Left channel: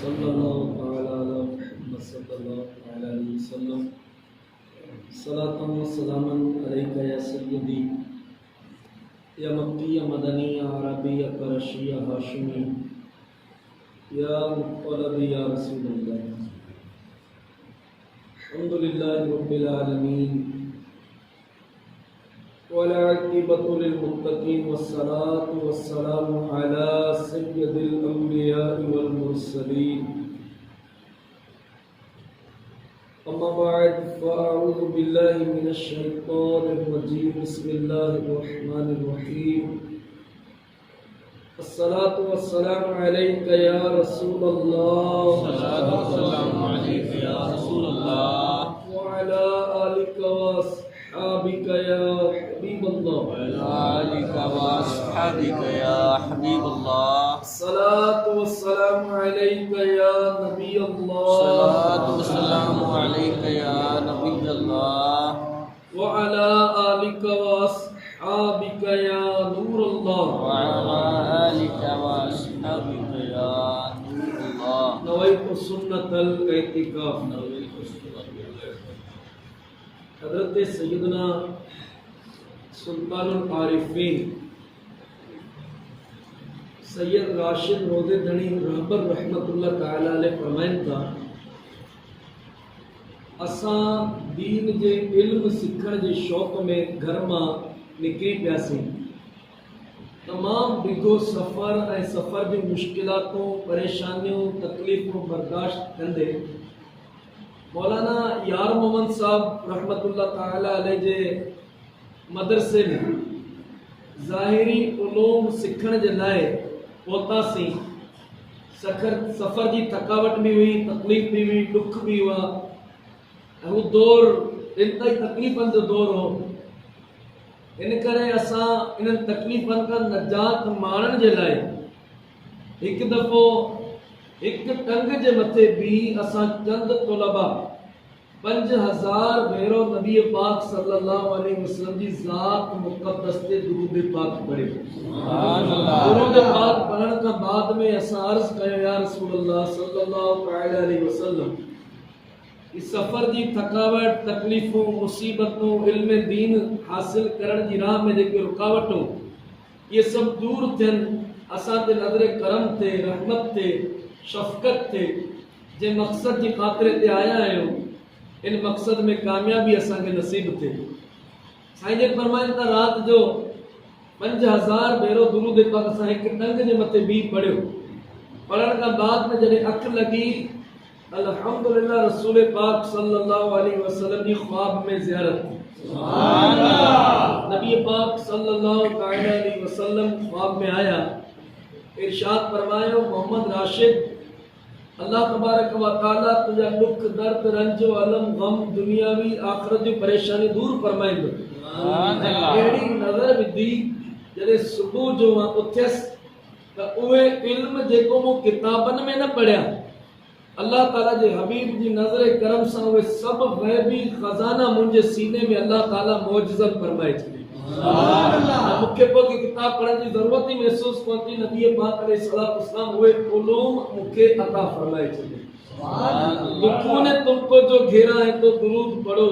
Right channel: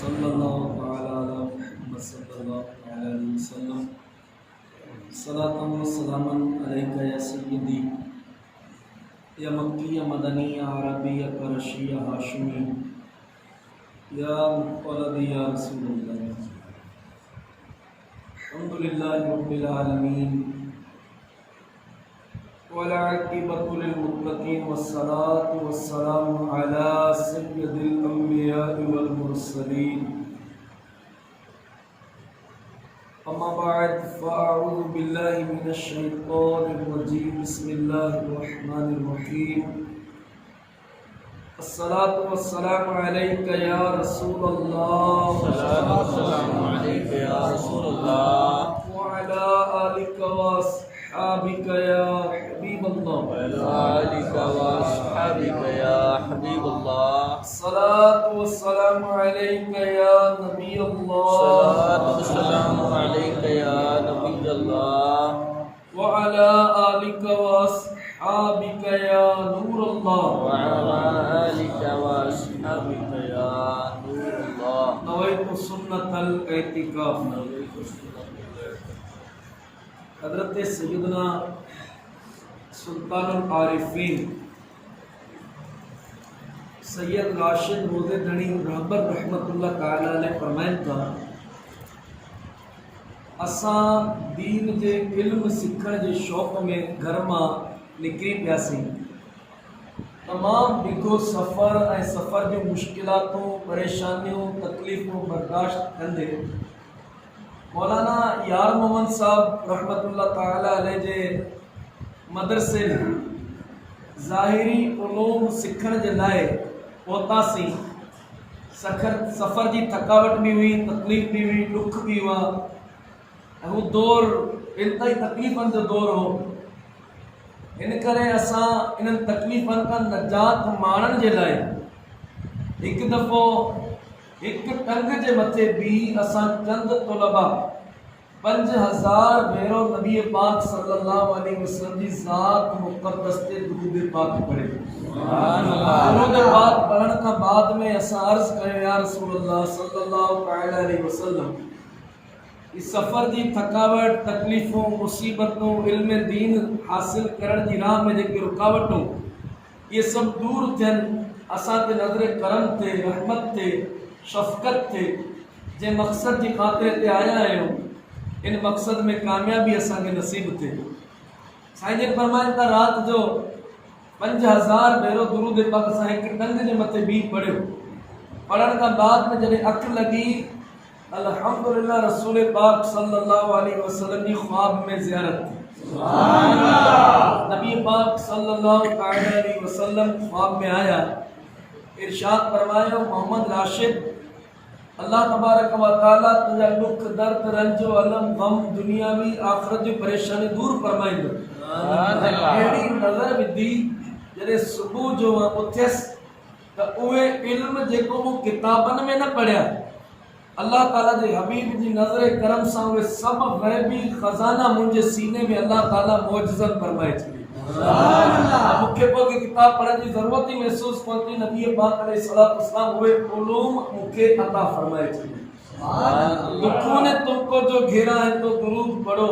सल्लल्लाहु तआला अला मुहम्मद सल्लल्लाहु अलैहि वसल्लम। सलातम व सलामन अलैका या सय्यदी या मक्की या मदनी या अरबी या करशी या हाशिमी या मुत्तलबी या रसूलुल्लाह। अल्हम्दुलिल्लाहि रब्बिल आलमीन वल आक़िबतु लिल मुत्तक़ीन वस्सलातु वस्सलामु अला सय्यदिल अंबिया'i वल मुरसलीन। अम्मा बाद फ़अऊज़ु बिल्लाहि मिनश शैतानिर रजीम। बिस्मिल्लाहिर रहमानिर रहीम। अस्सलातु वस्सलामु अलैका या रसूलल्लाह। सलातु वस्सलामु अलैका या रसूलल्लाह व अला आलिका व अस्हाबिका या हबीबल्लाह। व अला आलिका व अस्हाबिका या हबीबल्लाह। सलातु वस्सलामु अलैका या नबीयल्लाह। सलातु वस्सलामु अलैका या नबीयल्लाह व अला आलिका व अस्हाबिका या नूरल्लाह। व अला आलिका व अस्हाबिका या नूरल्लाह। नवैतु सुन्नतल एतिकाफ। हज़रत सैयदना सुल्तानुल आरिफीन सैयद राशिद रोज़े धनी रहबर रहमतुल्लाह ताला अलैह फरमाइन था, असां दीन जे इल्म सिखण जे शौक़ में घर मां निकिरी पियासीं। तमाम बिगो सफ़र ऐं सफ़र जूं मुश्किलातूं, परेशानियूं, तकलीफ़ूं बर्दाश्त कंदे मौलाना यार मोहम्मद साहब रहमतुल्लाह ताला अलैह जे मदरसे में ज़ाहिरी उलूम सिखण जे लाइ पहुतासीं। सफ़र जी थकावट भी हुई, तकलीफ़ भी हुई, दुख भी हुआ। हू दौर इंतई तकलीफ़नि जो दौर हो। इन करे असां इन्हनि तकलीफ़नि खां नजात माणण जे लाइ हिकु दफ़ो हिकु टंग जे मथे भी असां चंद तलबा 5000 भेरो नबी पाक सल्लल्लाहु अलैहि वसल्लम जी ज़ात मुक़द्दस ते दुरूद पाक पढ़े। दुरूद पाक पढ़ण खां बाद में असां अर्ज़ कयो, या रसूलल्लाह सल्लल्लाहु अलैहि वसल्लम, इस सफ़र जी थकावट, तकलीफ़ूं, मुसीबतूं, इल्म दीन हासिल करण जी राह में जेके रुकावटूं, ये सब दूर थियनि। असां ते नज़र करम थे, रहमत थे, शफ़क़त थे। जे मक़सद जी ख़ातिर ते आया आहियूं, इन मक़सद में कामयाबी असांखे नसीब थे। साईं जन फरमाइनि था, राति जो 5000 भेरो दुरूद पाक असां हिकु टंग जे मथे भी पढ़ियो। पढ़ण खां बाद में जॾहिं अखि लॻी, अल्हम्दुलिल्लाह रसूल पाक सल्लल्लाहु अलैहि वसल्लम जी ख्वाब में ज़ियारत थी। नबी पाक सल्लल्लाहु अलैहि वसल्लम ख्वाब में आया, इरशाद फरमायो, मोहम्मद राशिद, अल्लाह तबारक व तआला तुझा दुख, दर्द, रंज, अलम, गम, दुनियावी आख़िरत जी परेशानी दूर फरमाईंदो। अहिड़ी नज़र विधी जॾहिं सुबुह जो मां उथियसि त उहे इल्म जेको मूं किताबनि में न पढ़िया, अल्लाह ताला जे हबीब जी नज़र करम सां उहे सभु ग़ैबी ख़ज़ाना मुंहिंजे सीने में अल्लाह ताला मौजज़न फरमाए छॾी। मूंखे पोइ की किताब पढ़ण जी ज़रूरत ही महसूस कोन थी। नबी पाक अलैहिस्सलातु वस्सलाम उहे उलूम मूंखे अता फरमाए छॾी। दुखों ने तुमको जो घेरा है तो दुरूद पढ़ो,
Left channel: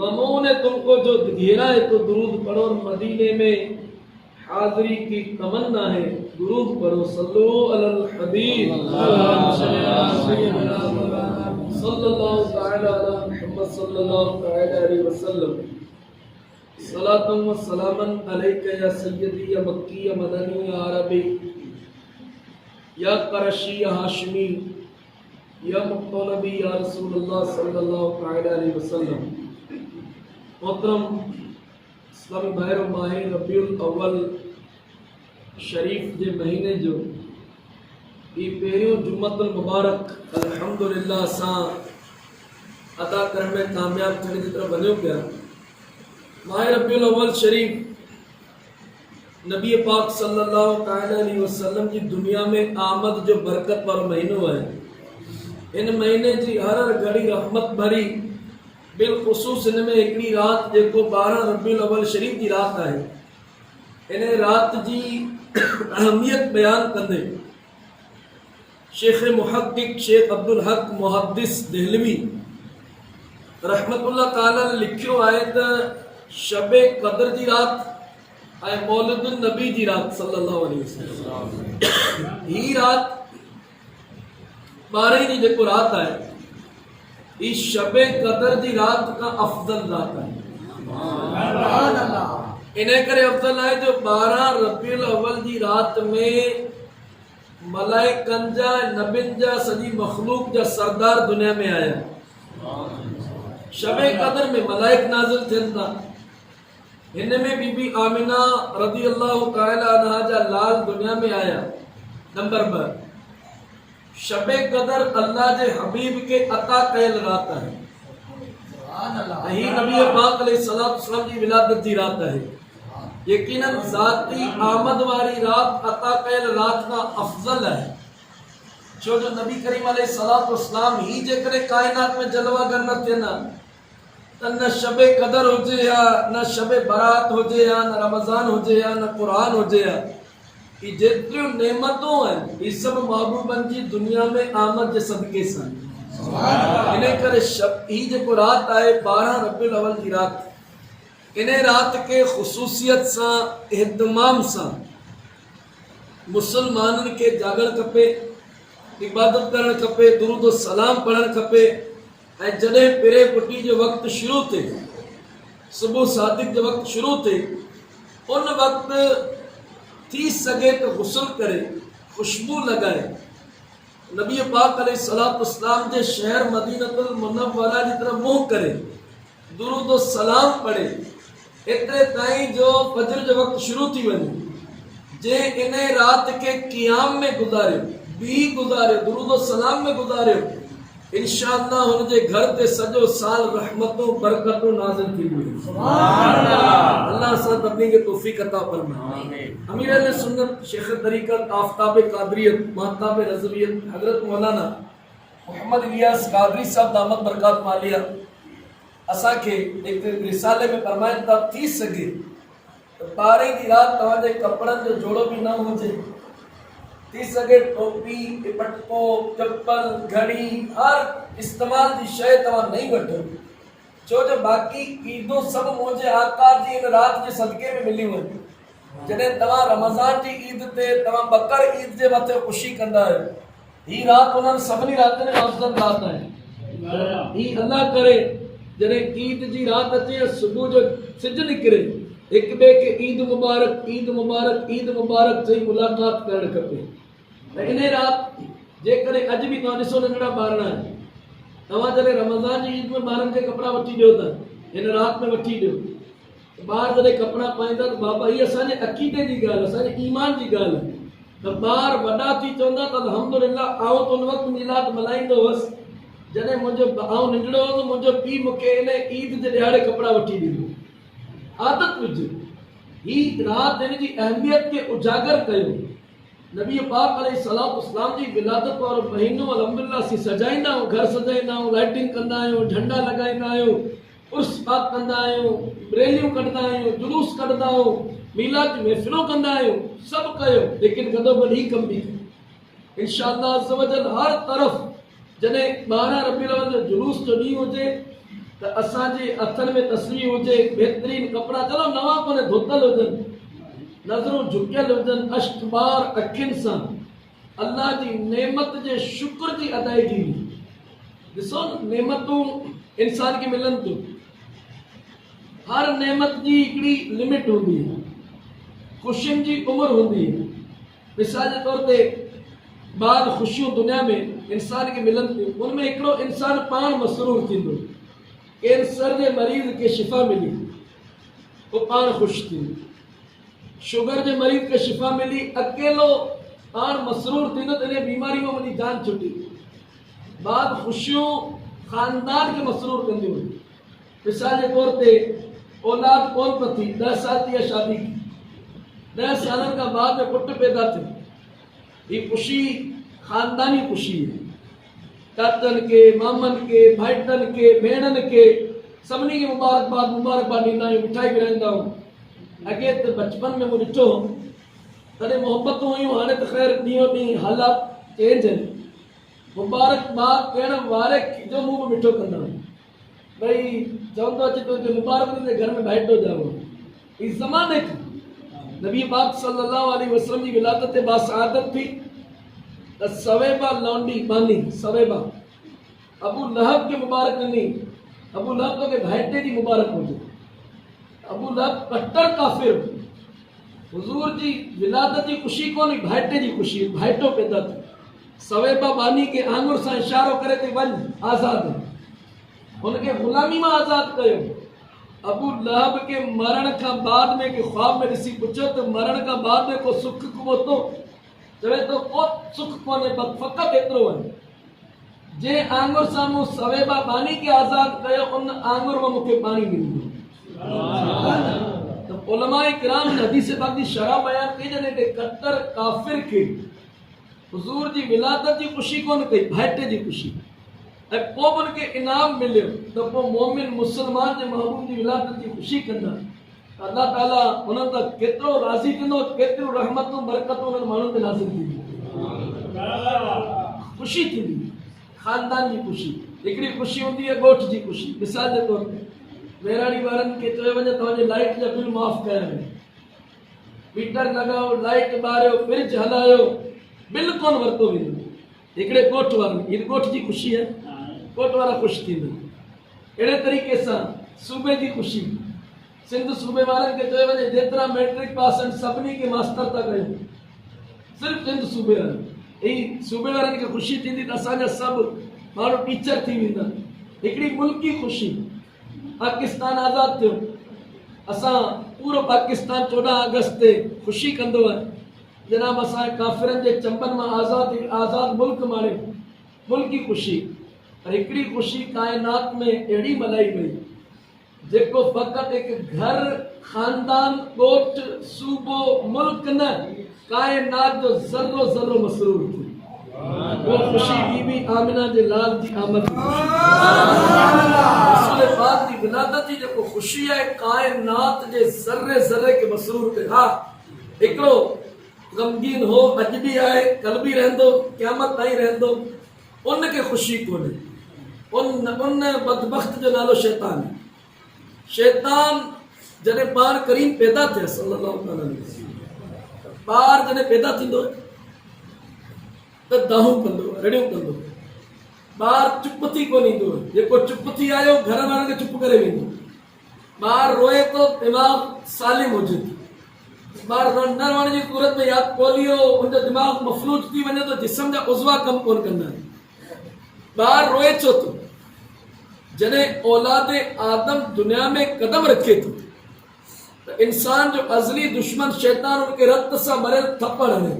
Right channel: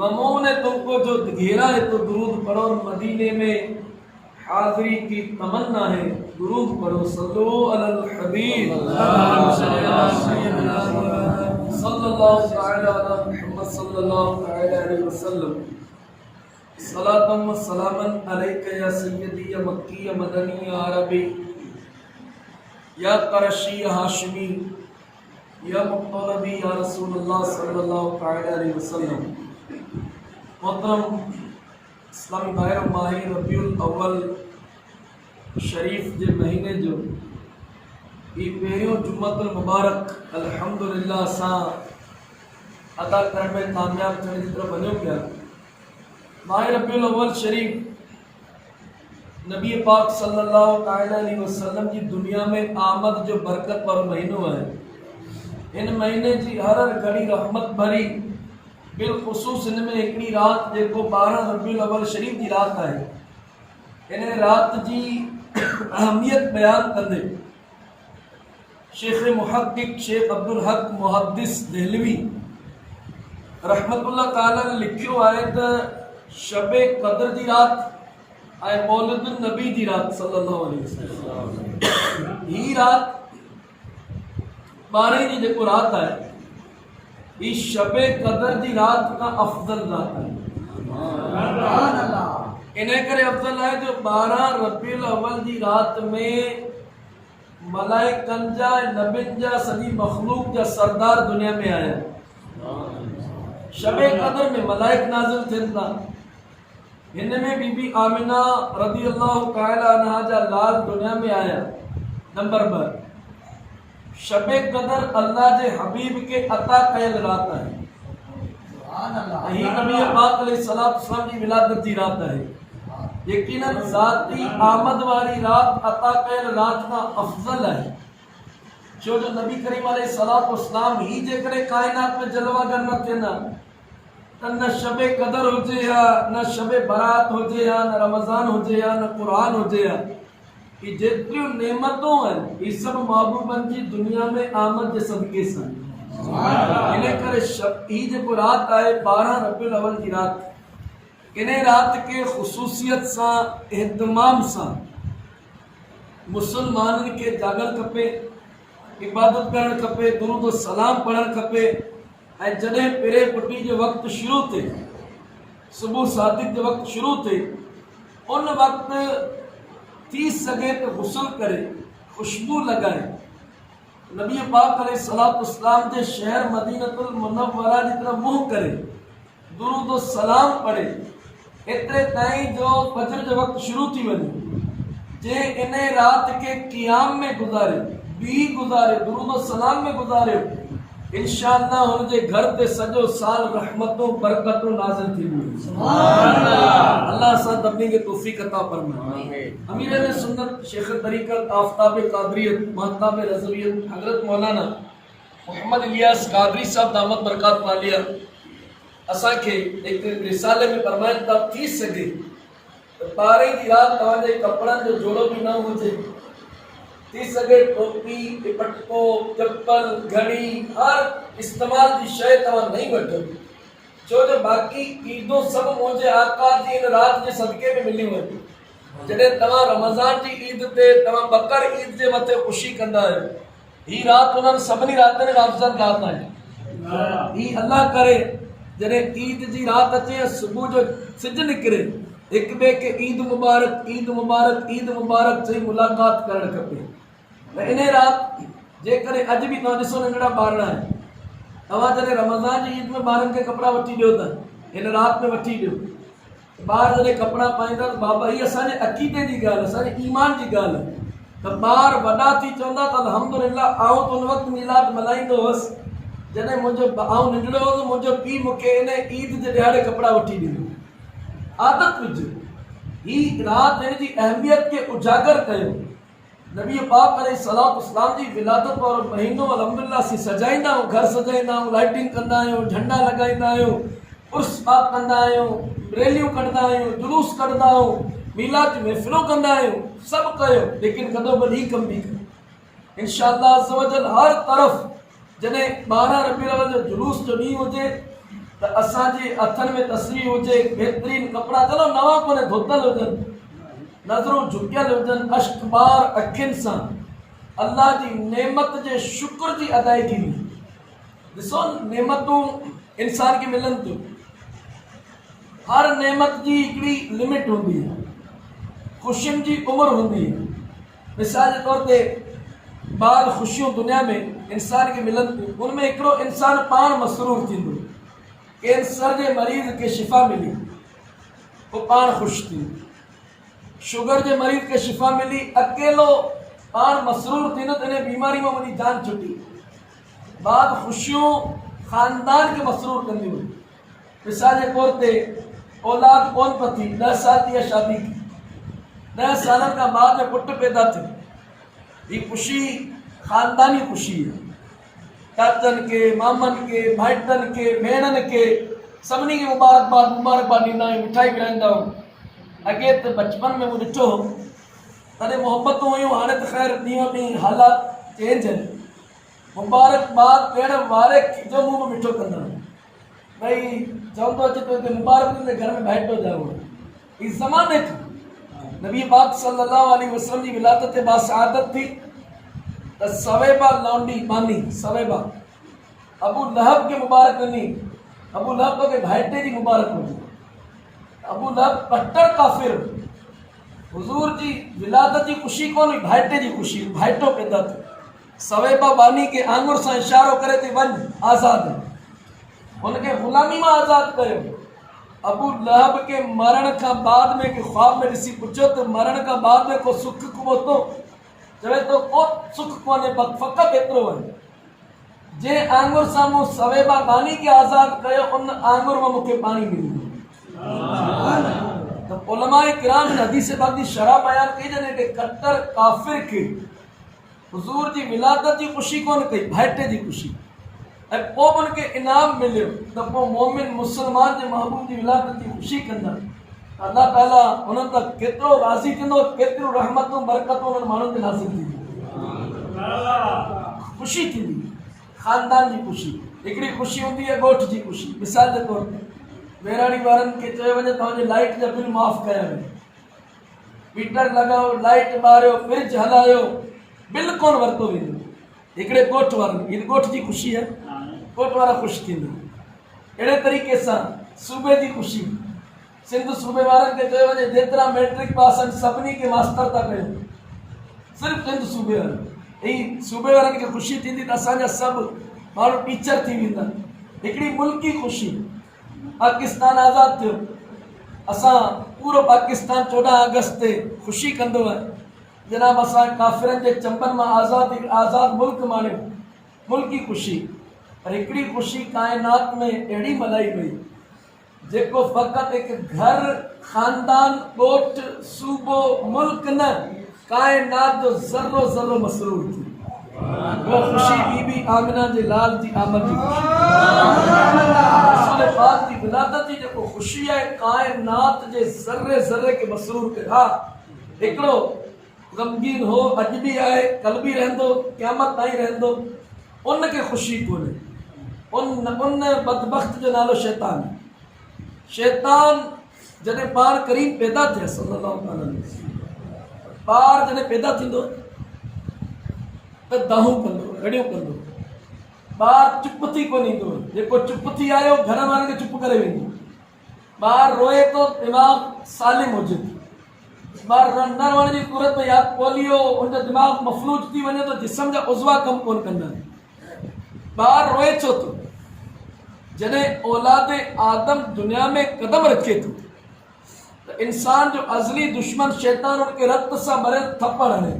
गमों ने तुमको जो घेरा है तो दुरूद पढ़ो। और मदीने में हाज़री की तमन्ना है, दुरूद पढ़ो। सल्लु अलल हबीब सल्लल्लाहु तआला अला मुहम्मद सल्लल्लाहु अलैहि वसल्लम। सलातम व सलामन अलैका या सय्यदी या मक्की या मदनी या अरबी या करशी या हाशिमी या मुत्तलबी या रसूलुल्लाह सल्लल्लाहु अलैहि वसल्लम। मोहतरम इस्लामी भाइरो, माह रबीउल अव्वल शरीफ जे महीने जो ये पहिरियों जुम्मतुल मुबारक अल्हम्दुलिल्लाह असां अदा करण में कामयाब थियण जी तरफ़ वञूं पिया। माह रबीउल अव्वल शरीफ नबी पाक सल्लल्लाहु अलैहि वसल्लम जी दुनिया में आमद जो बरकत वारो महीनो है। इन महीने जी हर घड़ी रहमत भरी, बिलख़ुसूस इन में हिकिड़ी रात जेको 12 रबीउल अव्वल शरीफ जी रात आहे, इन रात जी अहमियत बयान कंदे शेख मुहद्दिक शेख अब्दुल हक मुहद्दिस देहलवी रहमतुल्लाह ताला ने लिखियो आहे त शबे क़द्र जी रात ऐं मौलिदुन नबी जी रात सल्लल्लाहु अलैहि वसल्लम ही रात 12 जी जेको रात आहे ही शबे क़द्र जी रात का अफजल रात आहे। इन करे अफजल आहे जो 12 रबीउल अव्वल जी रात में मलाइकनि जा नबियुनि जा सॼी मखलूक जा सरदार दुनिया में आया। शबे क़द्र में मलाइक नाज़िल थियनि था। हिन में बीबी आमिना रज़ी अल्लाहु तआला अन्हा जा लाल दुनिया में आया। नंबर 2 शबे क़द्र अल्लाह जे हबीब के अता कयल रात आहे। ही नबी पाक अलैहिस्सलातु वस्सलाम जी विलादत जी रात आहे। यकीनन ज़ाती आमद वाली रात अता कयल रात का अफजल है। छो जो नबी करीम अलैहिस्सलातु वस्सलाम ही जेकॾहिं कायनात में जलवागर न थियनि त न शबे क़द्र हुजे या न शबे बरात हुजे या न रमज़ान हुजे या न क़ुरान हुजे या ही जेतिरियूं नेमतूं आहिनि ही सभु महबूबनि जी दुनिया में आमद जे सदके सां। इन करे ही जेको रात आहे 12 रबीउल अव्वल जी रात, इन रात के ख़ुसूसियत सां एहतमाम सां मुसलमाननि के जागण खपे, इबादत करणु खपे, दुरूद सलाम पढ़णु खपे। ऐं जॾहिं पिरे पुटी जो वक़्तु शुरू थिए, सुबुह सादिक जो वक़्तु शुरू थिए, उन वक़्तु थी सघे त गुस्ल करे खुशबू लॻाए नबी पाक अलैहिस्सलातु वस्सलाम जे शहर मदीनतुल मुनव्वरा जी तरफ़ मुंहुं करे दुरूद सलाम पढ़े एतिरे ताईं जो फजर जो वक़्तु शुरू थी वञे। जे इन रात के क़ियाम में गुज़ारियो, बी गुज़ारियो, दुरूद सलाम में गुज़ारियो, इंशाअल्लाह हुनजे घर ते सॼो साल रहमतूं बरकतूं नाज़िल थींदियूं। सुभान अल्लाह। अल्लाह सां तब्लीग के तौफीक अता फरमाए। अमीर अहले सुन्नत शेख तरीक़त आफ़ताब क़ादरियत महताब रज़वियत हज़रत मौलाना मोहम्मद इलियास क़ादरी साहब दामत बरक़ात मालिया असांखे एक रिसाले में फरमाइनि था थी सघे त 12 जी रात तव्हांजे कपिड़नि जो जोड़ो बि न हुजे, थी सघे टोपी दुपट्टो चप्पल घड़ी हर इस्तेमाल जी शइ तव्हां नहीं वठो। छो जो बाक़ी ईदूं सभु मुंहिंजे आका जी इन रात जे सदके में मिली वञे। जॾहिं तव्हां रमज़ान जी ईद ते तव्हां बकर ईद जे मथे ख़ुशी कंदा आहियो, ही रात उन्हनि सभिनी रातनि खां अफ़ज़ल रात आहे। ही अल्लाह करे जॾहिं ईद जी रात अचे सुबुह जो सिज निकिरे हिक ॿिए खे ईद मुबारक ईद मुबारक ईद मुबारक चई मुलाक़ात करणु खपे। इन रात जेकॾहिं अॼु बि तव्हां ॾिसो नंढड़ा ॿारड़ा आहिनि, तव्हां जॾहिं रमज़ान जी ईद में ॿारनि खे कपिड़ा वठी ॾियो त हिन रात में वठी ॾियो। ॿार जॾहिं कपिड़ा पाईंदा त बाबा हीअ असांजे अक़ीदे जी ॻाल्हि, असांजे ईमान जी ॻाल्हि आहे। त ॿार वॾा थी चवंदा त अल्हम्दुलिल्लाह आउं त उन वक़्तु मिलाद मल्हाईंदो हुअसि जॾहिं आउं नंढड़ो हुअसि, मुंहिंजो पीउ मूंखे इन ईद जे ॾियारे कपिड़ा वठी ॾींदो। आदत विझ, ही रात हिन जी अहमियत खे उजागर कयो। नबी पाक अलैहिस्सलातु वस्सलाम जी विलादत वारो महीनो अल्हम्दुलिल्लाह असीं सजाईंदा आहियूं, घर सजाईंदा आहियूं, लाइटिंग कंदा आहियूं, झंडा लॻाईंदा आहियूं, उर्स पाक कंदा आहियूं, रैलियूं कढंदा आहियूं, जुलूस कढंदा आहियूं, मीलाद महफ़िलूं कंदा आहियूं, सभु कयो, लेकिन गॾो गॾु ही कमु बि कयो। इंशाअल्लाह अज़्ज़ व जल हर तरफ़ जॾहिं 12 रबीउल अव्वल जो जुलूस जो ॾींहुं हुजे त असांजे हथनि में तस्वीर हुजे, बहितरीन कपिड़ा, चलो नवां कोन्हे धोतल हुजनि, नज़रूं झुकियल हुजनि, अश्कबार अखियुनि सां अल्लाह जी नेमत जे शुक्र जी अदायगी में। ॾिसो नेमतूं इंसान खे मिलनि थियूं, हर नेमत जी हिकिड़ी लिमिट हूंदी है, ख़ुशियुनि जी उमिरि हूंदी है। मिसाल जे तौर ते बाद ख़ुशियूं दुनिया में इंसान खे मिलनि थियूं, उनमें हिकिड़ो इंसान पाण मसरूर थींदो। कैंसर जे मरीज़ खे शिफ़ा मिली वो पाण ख़ुशि थींदो, शुगर जे मरीज़ खे शिफ़ा मिली अकेलो पाण मसरूर थींदो त इन बीमारी में मुंहिंजी जान छुटी। बाद ख़ुशियूं ख़ानदान खे मसरूर कंदियूं आहिनि। मिसाल जे तौर ते औलाद कोन पथी, 10 साल थी विया शादी की, 10 सालनि खां बाद में पुटु पैदा थियो, हीअ ख़ुशी ख़ानदानी ख़ुशी है। चाचनि के, मामनि के, भाइटनि के, भेणनि के सभिनी खे मुबारकबाद ॾींदा आहियूं, मिठाई विराईंदा आहियूं। अॻे त बचपन में मूं ॾिठो तॾहिं मोहबतूं हुयूं, हाणे त ख़ैर ॾींहों ॾींहुं हालात चेंज आहिनि। मुबारकबाद ॾियण वारे जो मुंह में मिठो कंदा भई चवंदो अचे तो मुबारक ॾींदे घर में भाइटो जाओ इस ज़माने खां नबी पाक सल्लल्लाहु अलैहि वसल्लम जी विलादत ते बासआदत थी त सवेबा लौंडी बानी सवेबा अबू लहब के मुबारक ॾिनी अबू लहब तो के भाइटे जी मुबारक हुजे अबू लहब कट्टर काफ़िर हुजूर जी विलादत जी ख़ुशी कोन्हे भाइटे जी ख़ुशी भाइटो पैदा थियो सवेबा बानी के आंगुर सां इशारो करे थी वञ आज़ाद हुनखे ग़ुलामी मां आज़ाद कयो अबू लहब के मरण का बाद में के ख्वाब में ॾिसी पुछो तो मरण का बाद में को सुख को तो चवे तो को सुख कोन्हे फ़क़त एतिरो आहे जे आंगुर साम्हूं सवेबा बानी के आज़ाद कयो उन आंगुर में मूंखे पाणी मिली तो उलमाए किराम हदीस पाक जी शरह बयान कई जने के कट्टर काफिर के हुजूर जी विलादत जी ख़ुशी कोन कई भाइटे जी ख़ुशी ऐं पोइ बि उनखे इनाम मिलियो त पोइ मोमिन मुस्लमान जे महबूब जी विलादत जी ख़ुशी कंदा अल्लाह ताला उन्हनि त केतिरो राज़ी थींदो केतिरियूं रहमतूं बरकतूं उन्हनि माण्हुनि ते नाज़िल थींदियूं ख़ुशी थींदी ख़ानदान जी ख़ुशी हिकिड़ी ख़ुशी हूंदी आहे ॻोठ जी ख़ुशी मिसाल जे तौर ते वेराड़ी वारनि खे चयो वञे तव्हांजे लाइट जा बिल माफ़ कया वञे मीटर लॻायो लाइट ॿारियो फ्रिज हलायो बिल कोन वरितो वेंदो हिकिड़े ॻोठ वारनि हीअ ॻोठ जी ख़ुशी आहे ॻोठ वारा ख़ुशि थींदा अहिड़े तरीक़े सां सूबे जी ख़ुशी सिंध सूबे वारनि खे चयो वञे जेतिरा मैट्रिक पास आहिनि सभिनी खे मास्टर था कयूं सिर्फ़ु सिंध सूबे वारा ही सूबे वारनि खे ख़ुशी थींदी त असांजा सभु माण्हू टीचर थी वेंदा हिकिड़ी मुल्की ख़ुशी पाकिस्तान आज़ाद थियो असां पूरो पाकिस्तान 14 अगस्त ते ख़ुशी कंदो आहे जनाब असां काफ़िरनि जे चंबनि मां आज़ाद मुल्क माणियो मुल्की ख़ुशी पर हिकिड़ी ख़ुशी काइनात में अहिड़ी मल्हाई वई जेको फ़क़ति हिकु घर ख़ानदान ॻोठ सूबो मुल्क न काइनात जो ज़र्रो ज़र्रो मसरूर थी वो ख़ुशी बीबी आमिना जे लाल जी आमद जी रसूल पाक जी विलादत जी जेको ख़ुशी आहे काइनात जे ज़र्रे ज़र्रे के मसरूर ते हा हिकिड़ो ग़मगीन हो अॼु बि आहे कल बि रहंदो क़यामत ताईं रहंदो उनखे ख़ुशी कोन्हे उन बदबख़्त जो नालो शैतान शैतान जॾहिं ॿार करीम पैदा थिया सल्लल्लाहु अलैहि वसल्लम ॿार जॾहिं पैदा थींदो त दाहूं कंदो रड़ियूं कंदो ॿार चुप थी कोन ईंदो जेको चुप थी आयो घर वारनि खे चुप करे वेंदो ॿार रोए थो दिमाग़ सालिम हुजे ॿार न रोअण जी सूरत में या पोलियो उनजो दिमाग़ मफ़लूज थी वञे तो जिस्म जा उज़वा कमु कोन कंदा आहिनि ॿार रोए छो थो जॾहिं औलाद आदम दुनिया में कदम रखे थो त इंसान जो अज़ली दुश्मन शैतान उनखे रत सां भरियल थप्पड़ हणे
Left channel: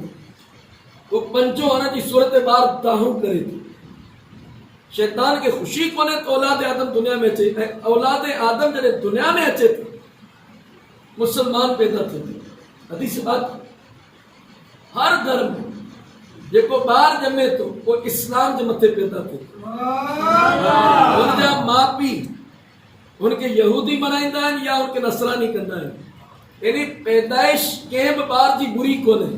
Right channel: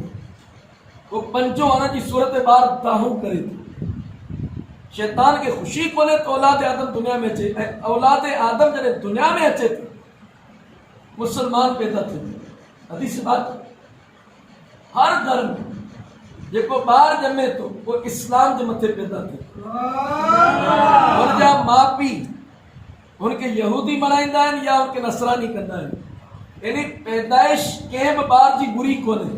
वो पंजो हणण जी सूरत में ॿार दाहूं करे थो शैतान खे ख़ुशी कोन्हे त औलाद आदम दुनिया में अचे ऐं औलाद आदम जॾहिं दुनिया में अचे थो मुसलमान पैदा थिए हदीस बात हर घर में जेको ॿार ॼमे थो वो इस्लाम जे मथे पैदा थिए हुनजा माउ पीउ हुनखे यहूदी मल्हाईंदा आहिनि या हुनखे नसरानी कंदा आहिनि यानी पैदाइश कंहिं बि ॿार जी बुरी कोन्हे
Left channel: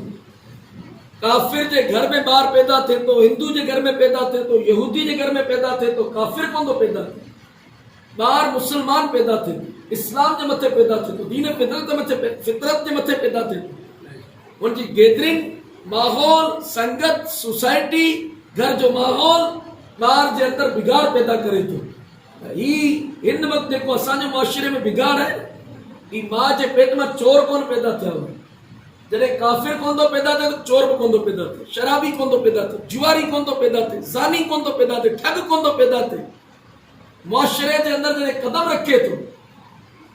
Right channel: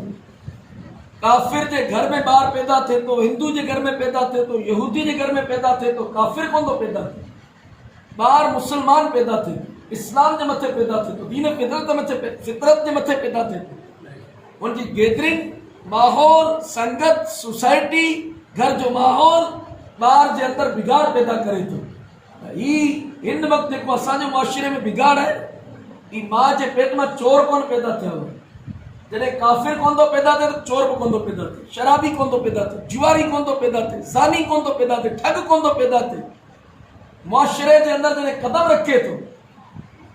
काफ़िर जे घर में ॿार पैदा थिए थो हिंदू जे घर में पैदा थिए थो यहूदी जे घर में पैदा थिए थो काफ़िर कोन थो पैदा थिए ॿार मुसलमान पैदा थिए थो इस्लाम जे मथे पैदा थिए थो दीन फितरत जे मथे पैदा थिए थो हुनजी गैदरिंग माहौल संगत सोसाइटी घर जो माहौल ॿार जे अंदरि बिगाड़ पैदा करे थो ही हिन वक़्तु जेको असांजे मुआशिरे में बिगाड़ आहे ही माउ जे पेट में चोर कोन पैदा थिया हुआ जॾहिं काफ़िर कोन थो पैदा थिए त चोर बि कोन थो पैदा थिए शराबी कोन थो पैदा थिए जुआरी कोन थो पैदा थिए ज़ानी कोन थो पैदा थिए ठग कोन थो पैदा थिए मुआशिरे जे अंदरि जॾहिं कदम रखे थो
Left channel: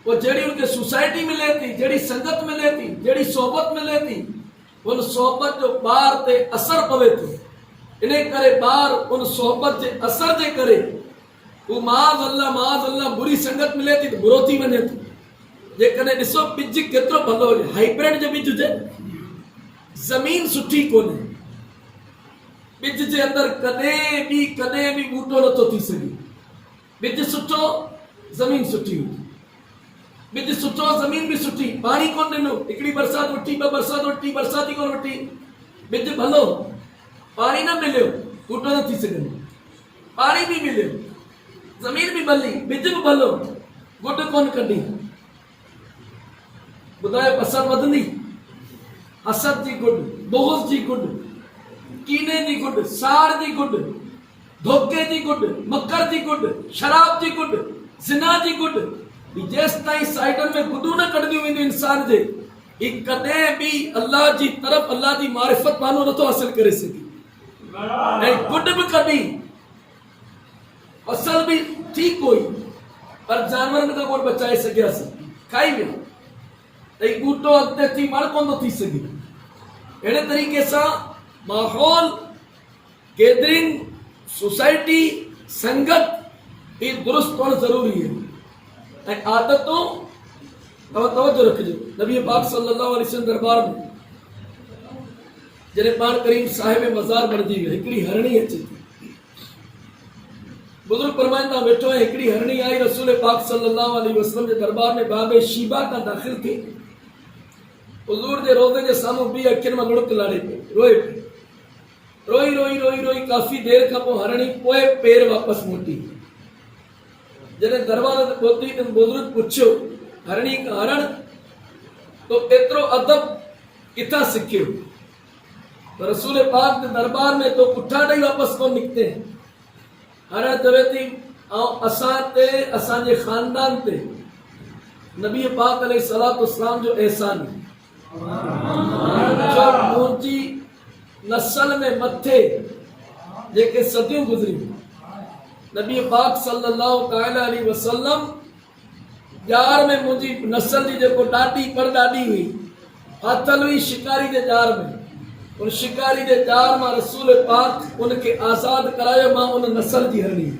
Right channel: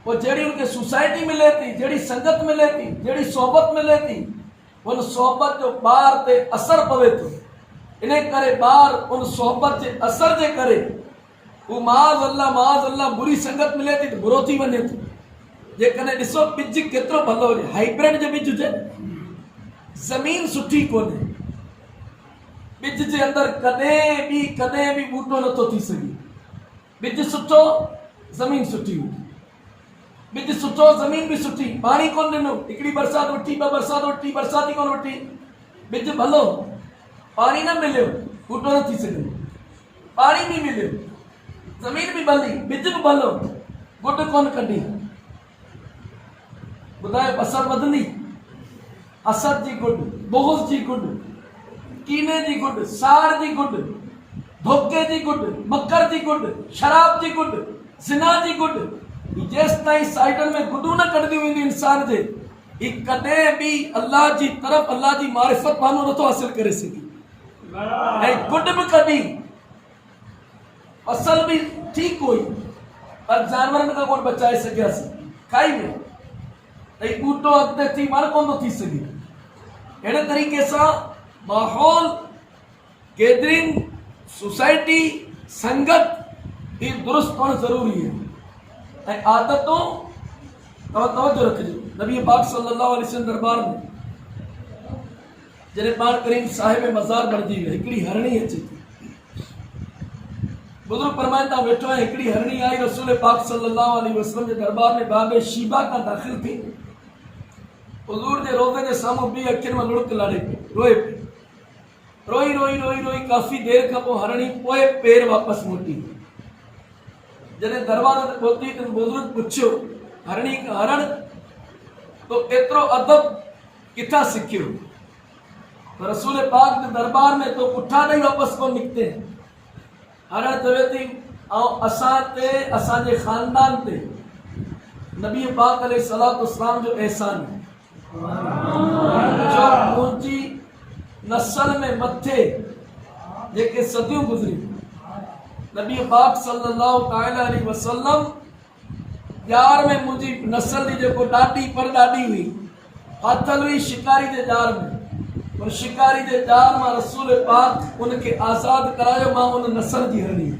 पोइ जहिड़ी उनखे सोसाइटी मिले थी जहिड़ी संगत मिले थी जहिड़ी सोबत मिले थी उन सोबत जो ॿार ते असर पवे थो इन करे ॿार उन सोबत जे असर जे करे हू माज़ अल्लाह बुरी संगत मिले थी त बुरो थी वञे थो जेकॾहिं ॾिसो ॿिज केतिरो भलो हुजे हाइब्रिड जो ॿिज हुजे ज़मीन सुठी कोन्हे ॿिज जे अंदरि कॾहिं बि ॿूटो नथो थी सघे ॿिज सुठो ज़मीन सुठी हुई ॿिज सुठो ज़मीन बि सुठी पाणी कोन ॾिनो हिकिड़ी बरसाति वठी ॿ बरसाति वठी बरसाति कोन वठी ॿिज भलो पानी ना मिलियो बूटो न थी सघे, पानी भी मिलियो, ज़मीन भी भली, बिज भी भलो, गुड कोन कढी। ॿुधायो पसंदि वधंदी? हसद जी गुड, बुग़्ज़ जी गुड, कीने जी गुड, साड़ जी गुड, धोखे जी गुड, मकर जी गुड, शराब जी गुड, ज़िना जी गुड, जेसि ताईं साइडनि में गुडू न कढंदियूं वेंदियूं इंसान जे, ही कॾहिं बि अल्लाह जी तरफ़, अल्लाह जी मारिफत मानो नथो हासिल करे सघे। ऐं गुड बि कढी, फसल बि ठीक हुई, पर जानवरनि खां कोन बचाए सघियासीं, खाई विया, त ही बूटो अॻिते थी वण कोन थो थी सघे। अहिड़े तरीक़े सां माहौल, गैदरिंग, सोसाइटी, संगत ही दुरुस्त हुअणु ज़रूरी है। ऐं आदतूं तवज्जो रखिजो। नबी पाक सल्लल्लाहु अलैहि वसल्लम दरबार में जॾहिं पाण करीम साहिब मज़ार बणिजी वियो, हिकिड़ी हरणी अचे थी। बुजुर्ग फरमाइनि था वेठो है, हिकिड़ी हरणी आई रसूल पाक सल्लल्लाहु अलैहि वसल्लम जे दरबार में बाबे शीबा का दाख़िल थी। हुजूर जे रोज़े जे साम्हूं बीह अखियुनि में लुड़क लाड़े पियो, रोए पियो। रोई रोई रोई रोई काफ़ी देर खां पोइ हरणी पोइ पेर वापसि मोटी। जॾहिं दरबार ते पहुती त बुजुर्ग पुछियो, हरणी का हरण तो एतिरो अदब किथां सिखियो? तो रसूल पाक के दरबार में तो पुठा ॾेई वापसि कोन निकिते। हरण चवे थी, असां ते, असांजे ख़ानदान ते नबी पाक अलैहिस्सलातु वस्सलाम जो एहसान है, जो मुंहिंजी नस्ल में मथे जेके सदियूं गुज़रियूं, नबी पाक सल्लल्लाहु ताला अलैहि वसल्लम जार में मुंहिंजी नस्ल जी जेको ॾाॾी परॾाॾी हुई, फाथल हुई शिकारी जे जार में। उन शिकारी जे जार मां रसूल पाक उनखे आज़ाद करायो। मां उन नस्ल जी हरणी।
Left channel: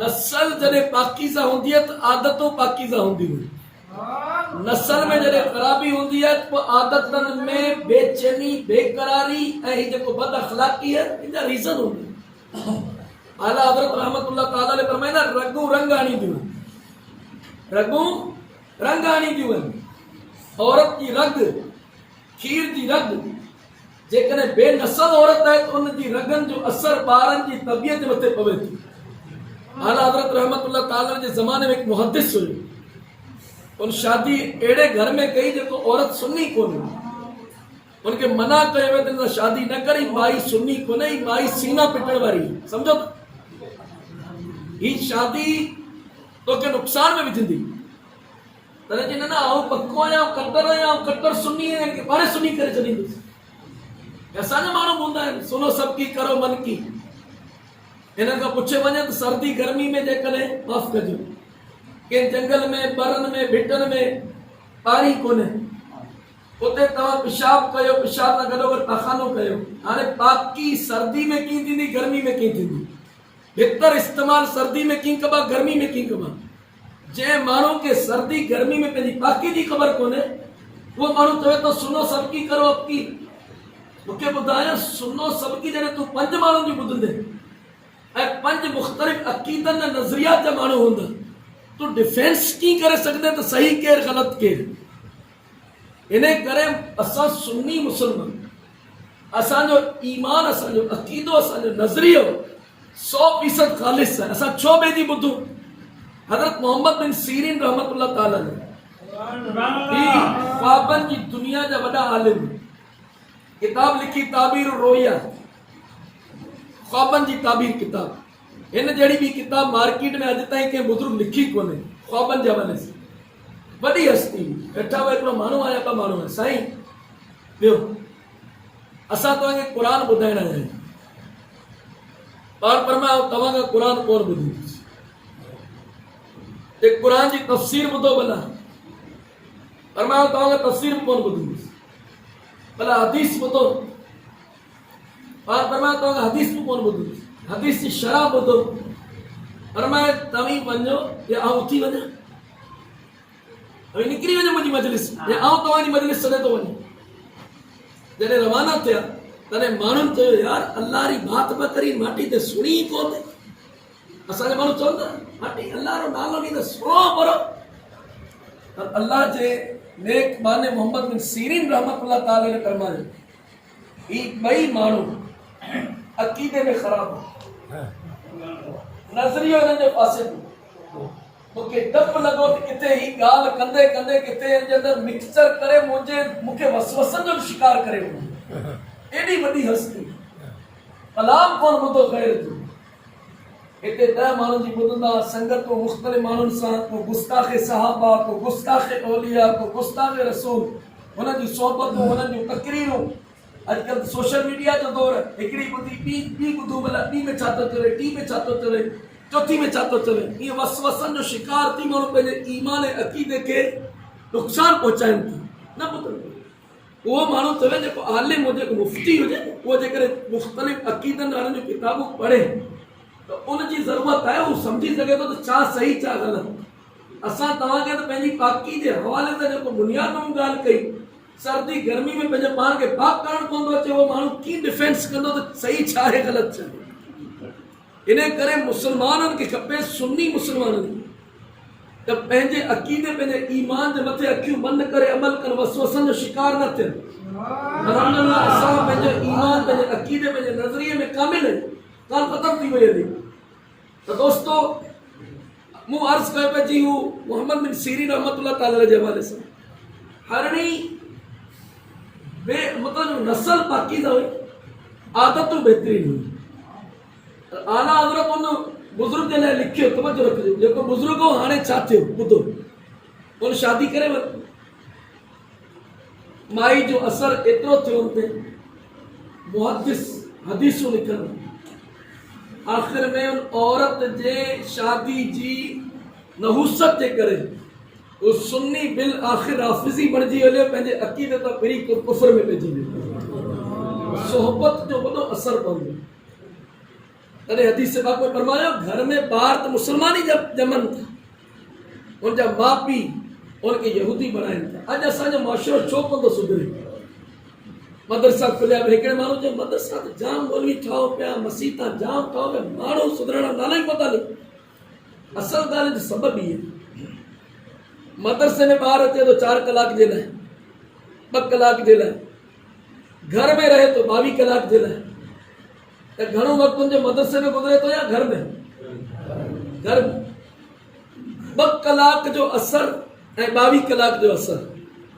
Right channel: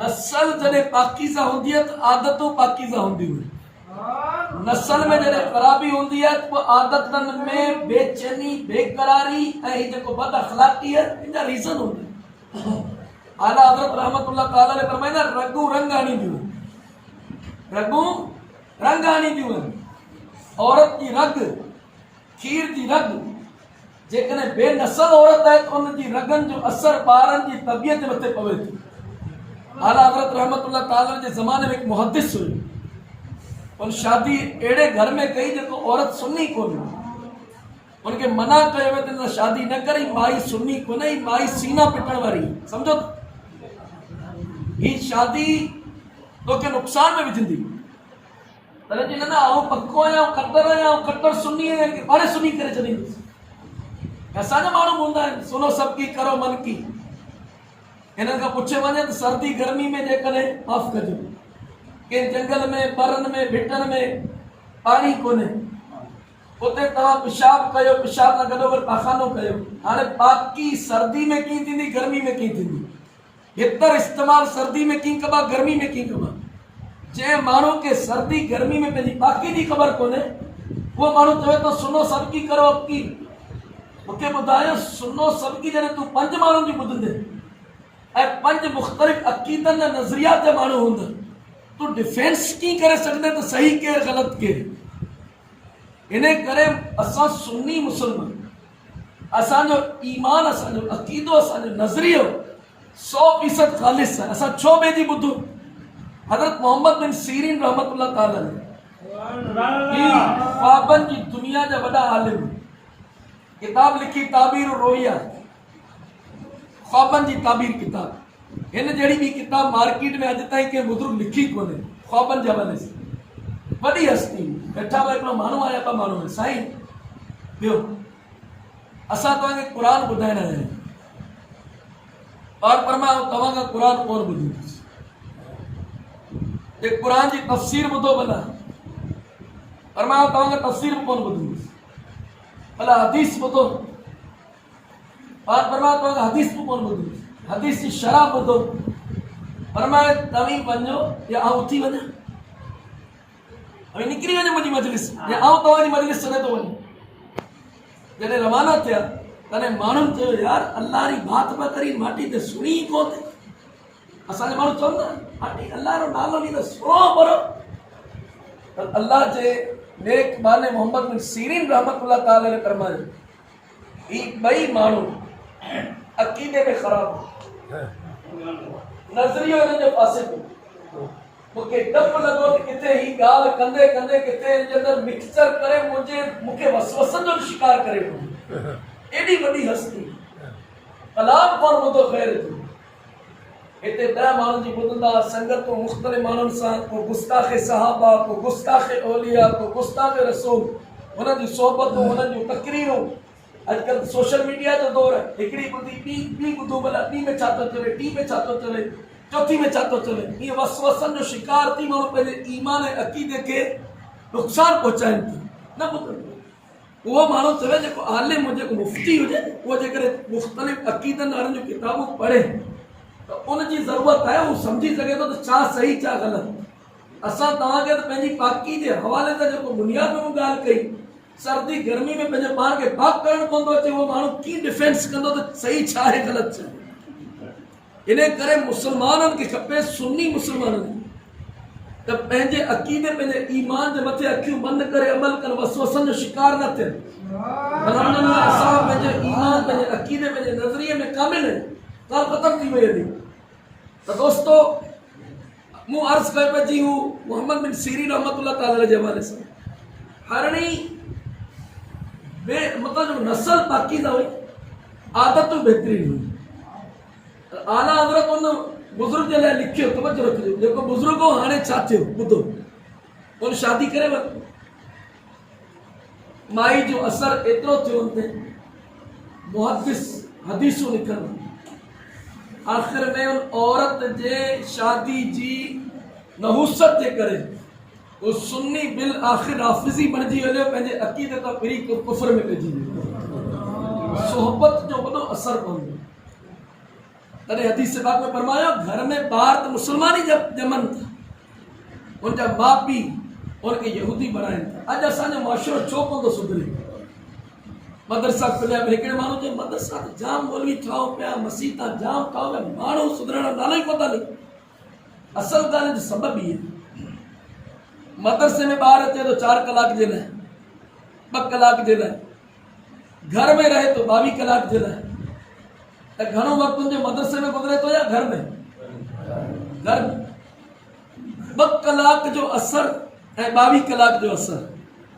नस्ल जॾहिं पाकीज़ा हूंदी आहे त आदतूं पाकीज़ा हूंदियूं आहिनि। नस्ल में जॾहिं ख़राबी हूंदी आहे त आदतनि में बेचैनी, बेकरारी ऐं ही जेको बद अख़लाक़ी आहे, इन जा रीज़न हूंदा आहिनि। आला हज़रत रहमतुल्लाह ताला अलैहि फरमाईंदा, रगू रंग आणींदियूं आहिनि, रगू रंग आणींदियूं आहिनि। औरत जी रग, खीर जी रग, जेकॾहिं बेनसल औरत आहे त उन जी रगनि जो असर ॿारनि जी तबियत जे मथे पवे थी। आला हज़रत रहमतुल्लाह ताला जे ज़माने में हिकु मुहद्दिस हुयो, उन शादी अहिड़े घर में कई जेको औरत सुन्नी कोन हुई। उनखे मना कयो वियो त शादी न करी, माई सुन्नी कोन्हे, माई सीना पिटण वारी, सम्झो था? ही शादी तोखे नुक़सान में विझंदी। तॾहिं चई, न न आउं पको आहियां, कट्टर सुन्नी आहियां, पाणे सुन्नी करे छॾींदुसि। असांजा माण्हू हूंदा आहिनि, सुनो सब की करो मन की। हिननि खां पुछियो वञे त सर्दी गर्मी में जेकॾहिं माफ़ कजो, कंहिं जंगल में, परनि में, भिटनि में पाणी कोन्हे, उते तव्हां पेशाब कयो, पेशाब सां गॾोगॾु पाखानो कयो। हाणे पाकी सर्दी में कीअं थींदी, गर्मी में कीअं थींदी? भितर इस्तेमाल सर्दी में कीअं कबा, गर्मी में कीअं कबा? जंहिं माण्हू खे सर्दी गर्मी में पंहिंजी पाकी जी ख़बर कोन्हे, उहो माण्हू चवे थो सुनो सबकी करो अबकी। मूंखे ॿुधायो, सुनो सबकी जॾहिं तूं 5 माण्हुनि जी ॿुधंदे ऐं 5 मुख़्तलिफ़ अक़ीदनि ऐं नज़रियात जा माण्हू हूंदा, तूं डिफेंस कीअं करे सघंदे त सही केरु ग़लति केरु? इन करे असां सुन्नी मुस्लमान, असांजो ईमान, असांजो अक़ीदो, असांजो नज़रियो 100% ख़ालिस आहे। असां छो ॿिए जी ॿुधूं? हज़रत मोहम्मद बिन सीरीन रहमतुल्लाह ताला अलैह ख्वाबनि जी दुनिया जा वॾा आलिम, किताब लिखी ताबीर रोया, ख्वाबनि जी ताबीर किताब। हिन जहिड़ी ॿी किताब मार्केट में अॼु ताईं कंहिं बुज़ुर्ग लिखी कोन्हे, ख्वाबनि जे हवाले सां। वॾी हस्ती वेठा हुआ, हिकिड़ो माण्हू आया, ॿ माण्हू आया, साईं ॿियो असां तव्हांखे क़ुर ॿुधाइण आया आहियूं। पाण फरमायो तव्हां खां क़ुर कोन ॿुधींदुसि, क़ुर जी तफ़सीर ॿुधो भला। फरमायो तव्हां खां तफ़सीर बि कोन ॿुधींदुसि, भला हदीस ॿुधो। पाण फरमायो तव्हां खां हदीस बि कोन ॿुधींदुसि, हदीस जी शरह ॿुधो। फरमायो तव्हीं वञो या आउं उथी वञा, निकिरी वञो मुंहिंजी मजलिस, या आउं तव्हांजी मजलिस छॾे थो वञा। जॾहिं रवाना थिया तॾहिं माण्हुनि चयो, यार अल्लाह री बात पिया करी, माटी ते सुणी ई कोन थी। असांजा माण्हू चवंदा, माटी अल्लाह जो नालो ॾींदा, सुणो परो। त अल्लाह जे नेक माने मोहम्मद बिन सीरीन रहमतुल्लाह ताला अलैह फरमायो, ही ॿई माण्हू अक़ीदे में ख़राब नज़रियो हिननि जो पासे पियो। मूंखे डपु लॻो त किथे ही ॻाल्हि कंदे कंदे किथे हिन जे अंदरि मिक्सचर करे मूंखे वसवसनि जो शिकार करे वञे। एॾी वॾी हस्ती कलाम कोन ॿुधो ख़ैर जो हिते 10 माण्हुनि जी ॿुधंदा संगतूं मुख़्तलिफ़ माण्हुनि सां, को गुस्ताख़े सहाबा, को गुस्ताख़े औलिया, को गुस्ताख़े रसूल, हुननि जी सोबतूं, हुननि जूं तकरीरूं। अॼुकल्ह सोशल मीडिया जो दौर आहे, हिकिड़ी ॿुधी ॿी ॿुधूं, भला ॿी में छा थो चले, टी में छा थो चले, चौथी में छा थो चले। इहे वसवसनि जो शिकार थी माण्हू पंहिंजे ईमान ऐं अक़ीदे खे नुक़सानु पहुचाइनि था। न ॿुधो उहो माण्हू चवे जेको आलिम हुजे, जेको मुफ़्ती हुजे, उहो जेकॾहिं मुख़्तलिफ़ अक़ीदनि वारनि जूं किताबूं पढ़े त उनजी ज़रूरत आहे, उहो सम्झी सघे थो त छा सही छा ग़लति। असां तव्हांखे त पंहिंजी पाकी जे हवाले सां जेको बुनियाद में ॻाल्हि कई, सर्दी गर्मी में पंहिंजे पाण खे पाक करणु पवंदो अचे, उहो माण्हू कीअं डिफेंस कंदो त सही छा आहे ग़लति छा आहे। इन करे मुस्लमाननि खे खपे, सुन्नी मुस्लमाननि त पंहिंजे अक़ीदे, पंहिंजे ईमान जे मथे अखियूं बंदि करे अमल कनि, वसवसनि जो शिकार न थियनि। अल्हम्दुलिल्लाह असां पंहिंजे ईमान, पंहिंजे अक़ीदे, पंहिंजे नज़रिये में कामिल आहियूं। ॻाल्हि ख़तमु थी वई हली। त दोस्तो मूं अर्ज़ु कयो पिया जी हू मोहम्मद बिन सीरीन रहमतुल्लाह ताला जे हवाले सां हरणी मतिलबु नस्ल पाकीज़ा हुई, आदतूं बहितरीन हुई। आला हज़रत उन बुज़ुर्ग जे लाइ लिखियो, तवजो रखिजो, जेको बुज़ुर्ग हो हाणे छा थियो ॿुधो, उन शादी करे वरितो। माई जो असर एतिरो थियो उन ते, मुहद्दिस हदीसूं लिखनि, आख़िर में उन औरत जे शादी जी नहूसत जे करे वो सुन्नी बिल आख़िर हाफ़िज़ी बणिजी हलियो, पंहिंजे अक़ीदे तां फिरी कुफ़र में पइजी वियो। सोहबत जो वॾो असर पवंदो। तॾहिं हदीस पाक में फरमायो, घर में ॿार त मुस्लमान ई ॼमनि था, उनजा माउ पीउ उनखे यहूदी बणाइनि था। अॼु असांजो मुआशिरो छो कोन थो सुधरे? मदरसा खुलिया, हिकिड़े माण्हू जो मदरसा त जाम मौलवी ठाहो पिया, मसीता जाम ठाहो पिया, माण्हू सुधरण जो नालो ई कोन था लिखनि। असल ॻाल्हि जो सबबु इहे, मदरसे में ॿार अचे थो 4 कलाक जे लाइ, 2 कलाक जे लाइ, घर में रहे थो 22 कलाक जे लाइ, त घणो वक़्तु उनजे मदरसे में गुज़रे थो या घर में? घर में 2 कलाक जो असर ऐं 22 कलाक जो असर,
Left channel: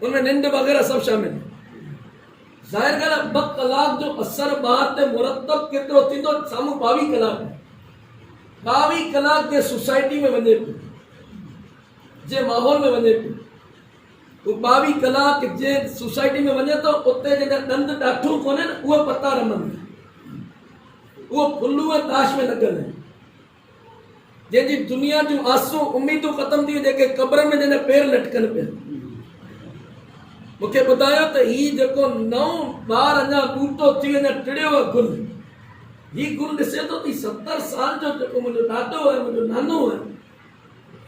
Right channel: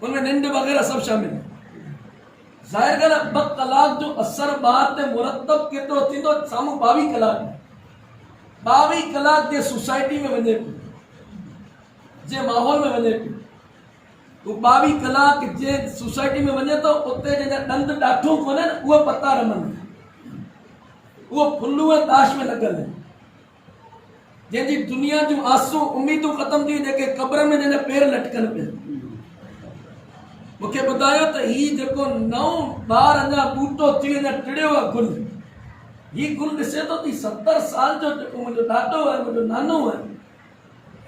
उनमें निंड वग़ैरह सभु शामिल। ज़ाहिर ॻाल्हि आहे 2 कलाक जो असर ॿार ते मुरतब केतिरो थींदो, साम्हूं 22 कलाक। 22 कलाक जे सोसाइटी में वञे पियो, जे माहौल में वञे पियो, वो 22 कलाक जे सोसाइटी में वञे थो, उते जंहिंजा ॾंद ॾाठूं कोन्हे न, उहे पता रमनि, उहो फुलू ऐं ताश में लॻल आहिनि। जंहिंजी दुनिया जूं आसूं उमीदूं ख़तमु थी, जेके क़ब्र में जंहिंजा पेर लटकनि पिया। मूंखे ॿुधायो त हीउ जेको नओं ॿार अञा ॿूटो थी अञा टिड़ियो आहे गुल, हीउ गुल ॾिसे थो त 70 साल जो जेको मुंहिंजो ॾाॾो आहे, मुंहिंजो नानो आहे,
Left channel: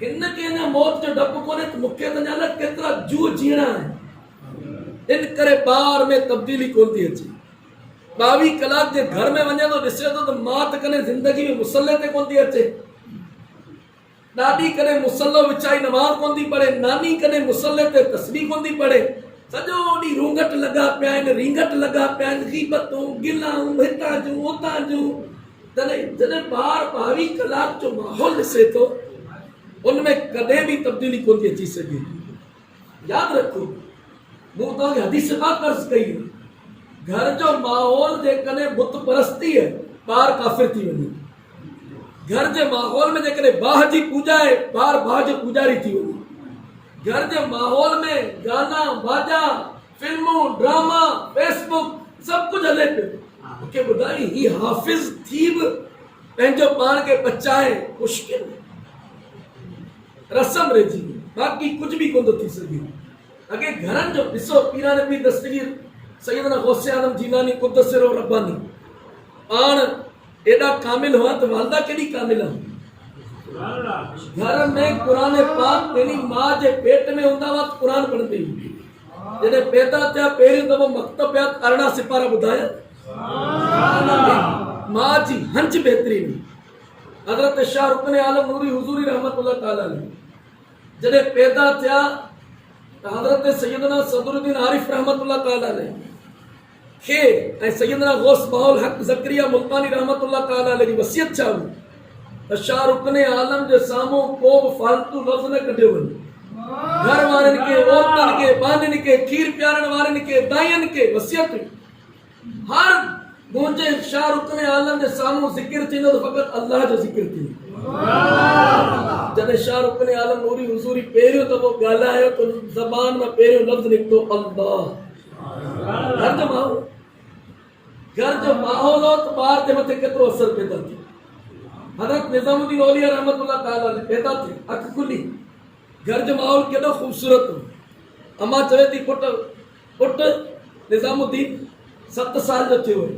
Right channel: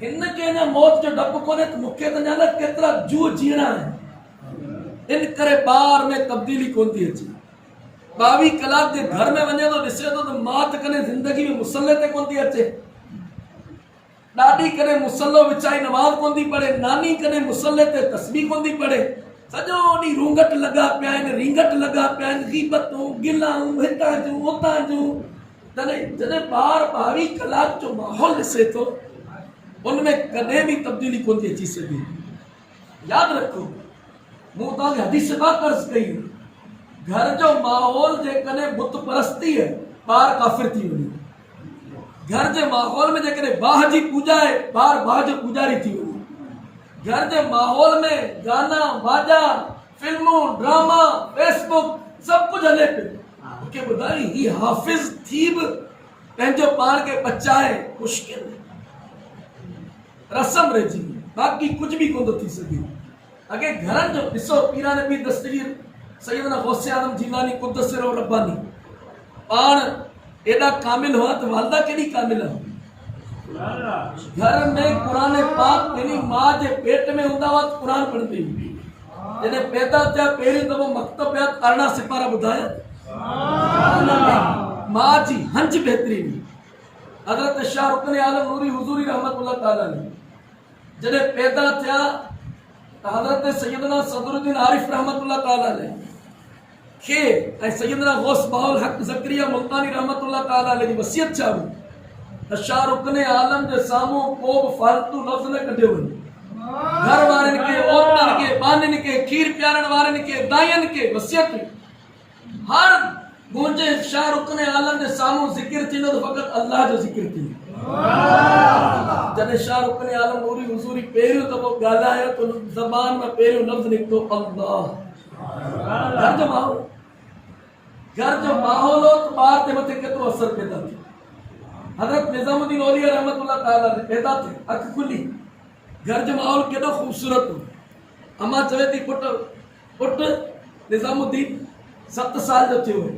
हिन खे अञा मौत जो डपु कोन्हे, त मूंखे त अञा केतिरा जूह जीअणा आहिनि। इन करे ॿार में तब्दीली कोन थी अचे। 22 कलाक जे घर में वञे थो, ॾिसे थो त मां त कॾहिं ज़िंदगी में मुसले ते कोन थी अचे, ॾाॾी कॾहिं मुसलो विछाई नमाज़ कोन थी पढ़े, नानी कॾहिं मुसले ते तस्बीह कोन थी पढ़े, सॼो ॾींहुं रूंगट लॻा पिया आहिनि, रिंगट लॻा पिया आहिनि, गीबतूं गिलाऊं हितां जूं उतां जूं। जॾहिं ॿार 22 कलाक जो माहौल ॾिसे थो, उनमें कॾहिं बि तब्दीली कोन थी अची सघे। यादि रखो, मूं तव्हांखे हदीस पाक अर्ज़ु कई, घर जो माहौल जेकॾहिं बुत परस्ती आहे, ॿार काफ़िर थी वञे। घर जे माहौल में जेकॾहिं बाह जी पूॼा आहे, ॿार बाह जो पुॼारी थी वञे। घर जे माहौल में गाना बाजा, फिल्मूं, ड्रामा, फेसबुक सभु कुझु हले पियो। मूंखे ॿुधाई ही हाफ़िज़ थी बि पंहिंजो पाण खे बचाए मुश्किल, रस्म रहिजी, बाक़ी कुझु बि कोन थो थी सघे। अॻे घरनि जो ॾिसो, पीराने पीर दस्तगीर सैयदना गौसे आज़म जीलानी क़ुद्दस सिरो रब्बानी पाण एॾा कामिल हुआ त वालदा केॾी कामिल आहे। घर में क़ुरान पाक पंहिंजी माउ जे पेट में हूंदा हुआ त क़ुरान पढ़ंदी हुई। जॾहिं पैदा थिया पहिरियों दफ़ो मक्तब विया, 18 सिपारा ॿुधाया, माउ जी हंज बहितरीन। हज़रत शाह रुकन आलम नूरी हुज़ूरी रहमतुल्लाह ताला अलैह जॾहिं पैदा थिया त हज़रत सैयदना सदरुद्दीन आरिफ रहमतुल्लाह ताला अलैह खे ऐं सैयदना गौस बाउल हक ज़करिया मुल्तानी रहमतुल्लाह ताला अलैहि जी वसियत छा हुई त शाह रुकने आलम जे साम्हूं को बि फालतू लफ़्ज़ न कढियो वञे। घर वारनि खे, औरतुनि खे, बानियुनि खे, खीर पियारण वारनि खे, दाइयनि खे वसियत हुई हर मुंहिंजे शाह रुकने आलम जे साम्हूं ज़िक्र थींदो त फ़क़ति अल्लाह जो ज़िक्र थींदो। जॾहिं शाह रुकने आलम नूरी हुज़ूरी पहिरियों दफ़ो ॻाल्हायो त ज़बान मां पहिरियों लफ़्ज़ निकितो अल्लाह। घर जो माहौल हो त ॿार जे मथे केतिरो असर पैदा थियो। हज़रत निज़ामुद्दीन औलिया रहमतुल्लाह ताला पैदा थिए, अखि खुली, घर जो माहौल केॾो ख़ूबसूरत हो। अम्मा चवे थी पुट निज़ामुद्दीन 7 साल जो थियो आहे,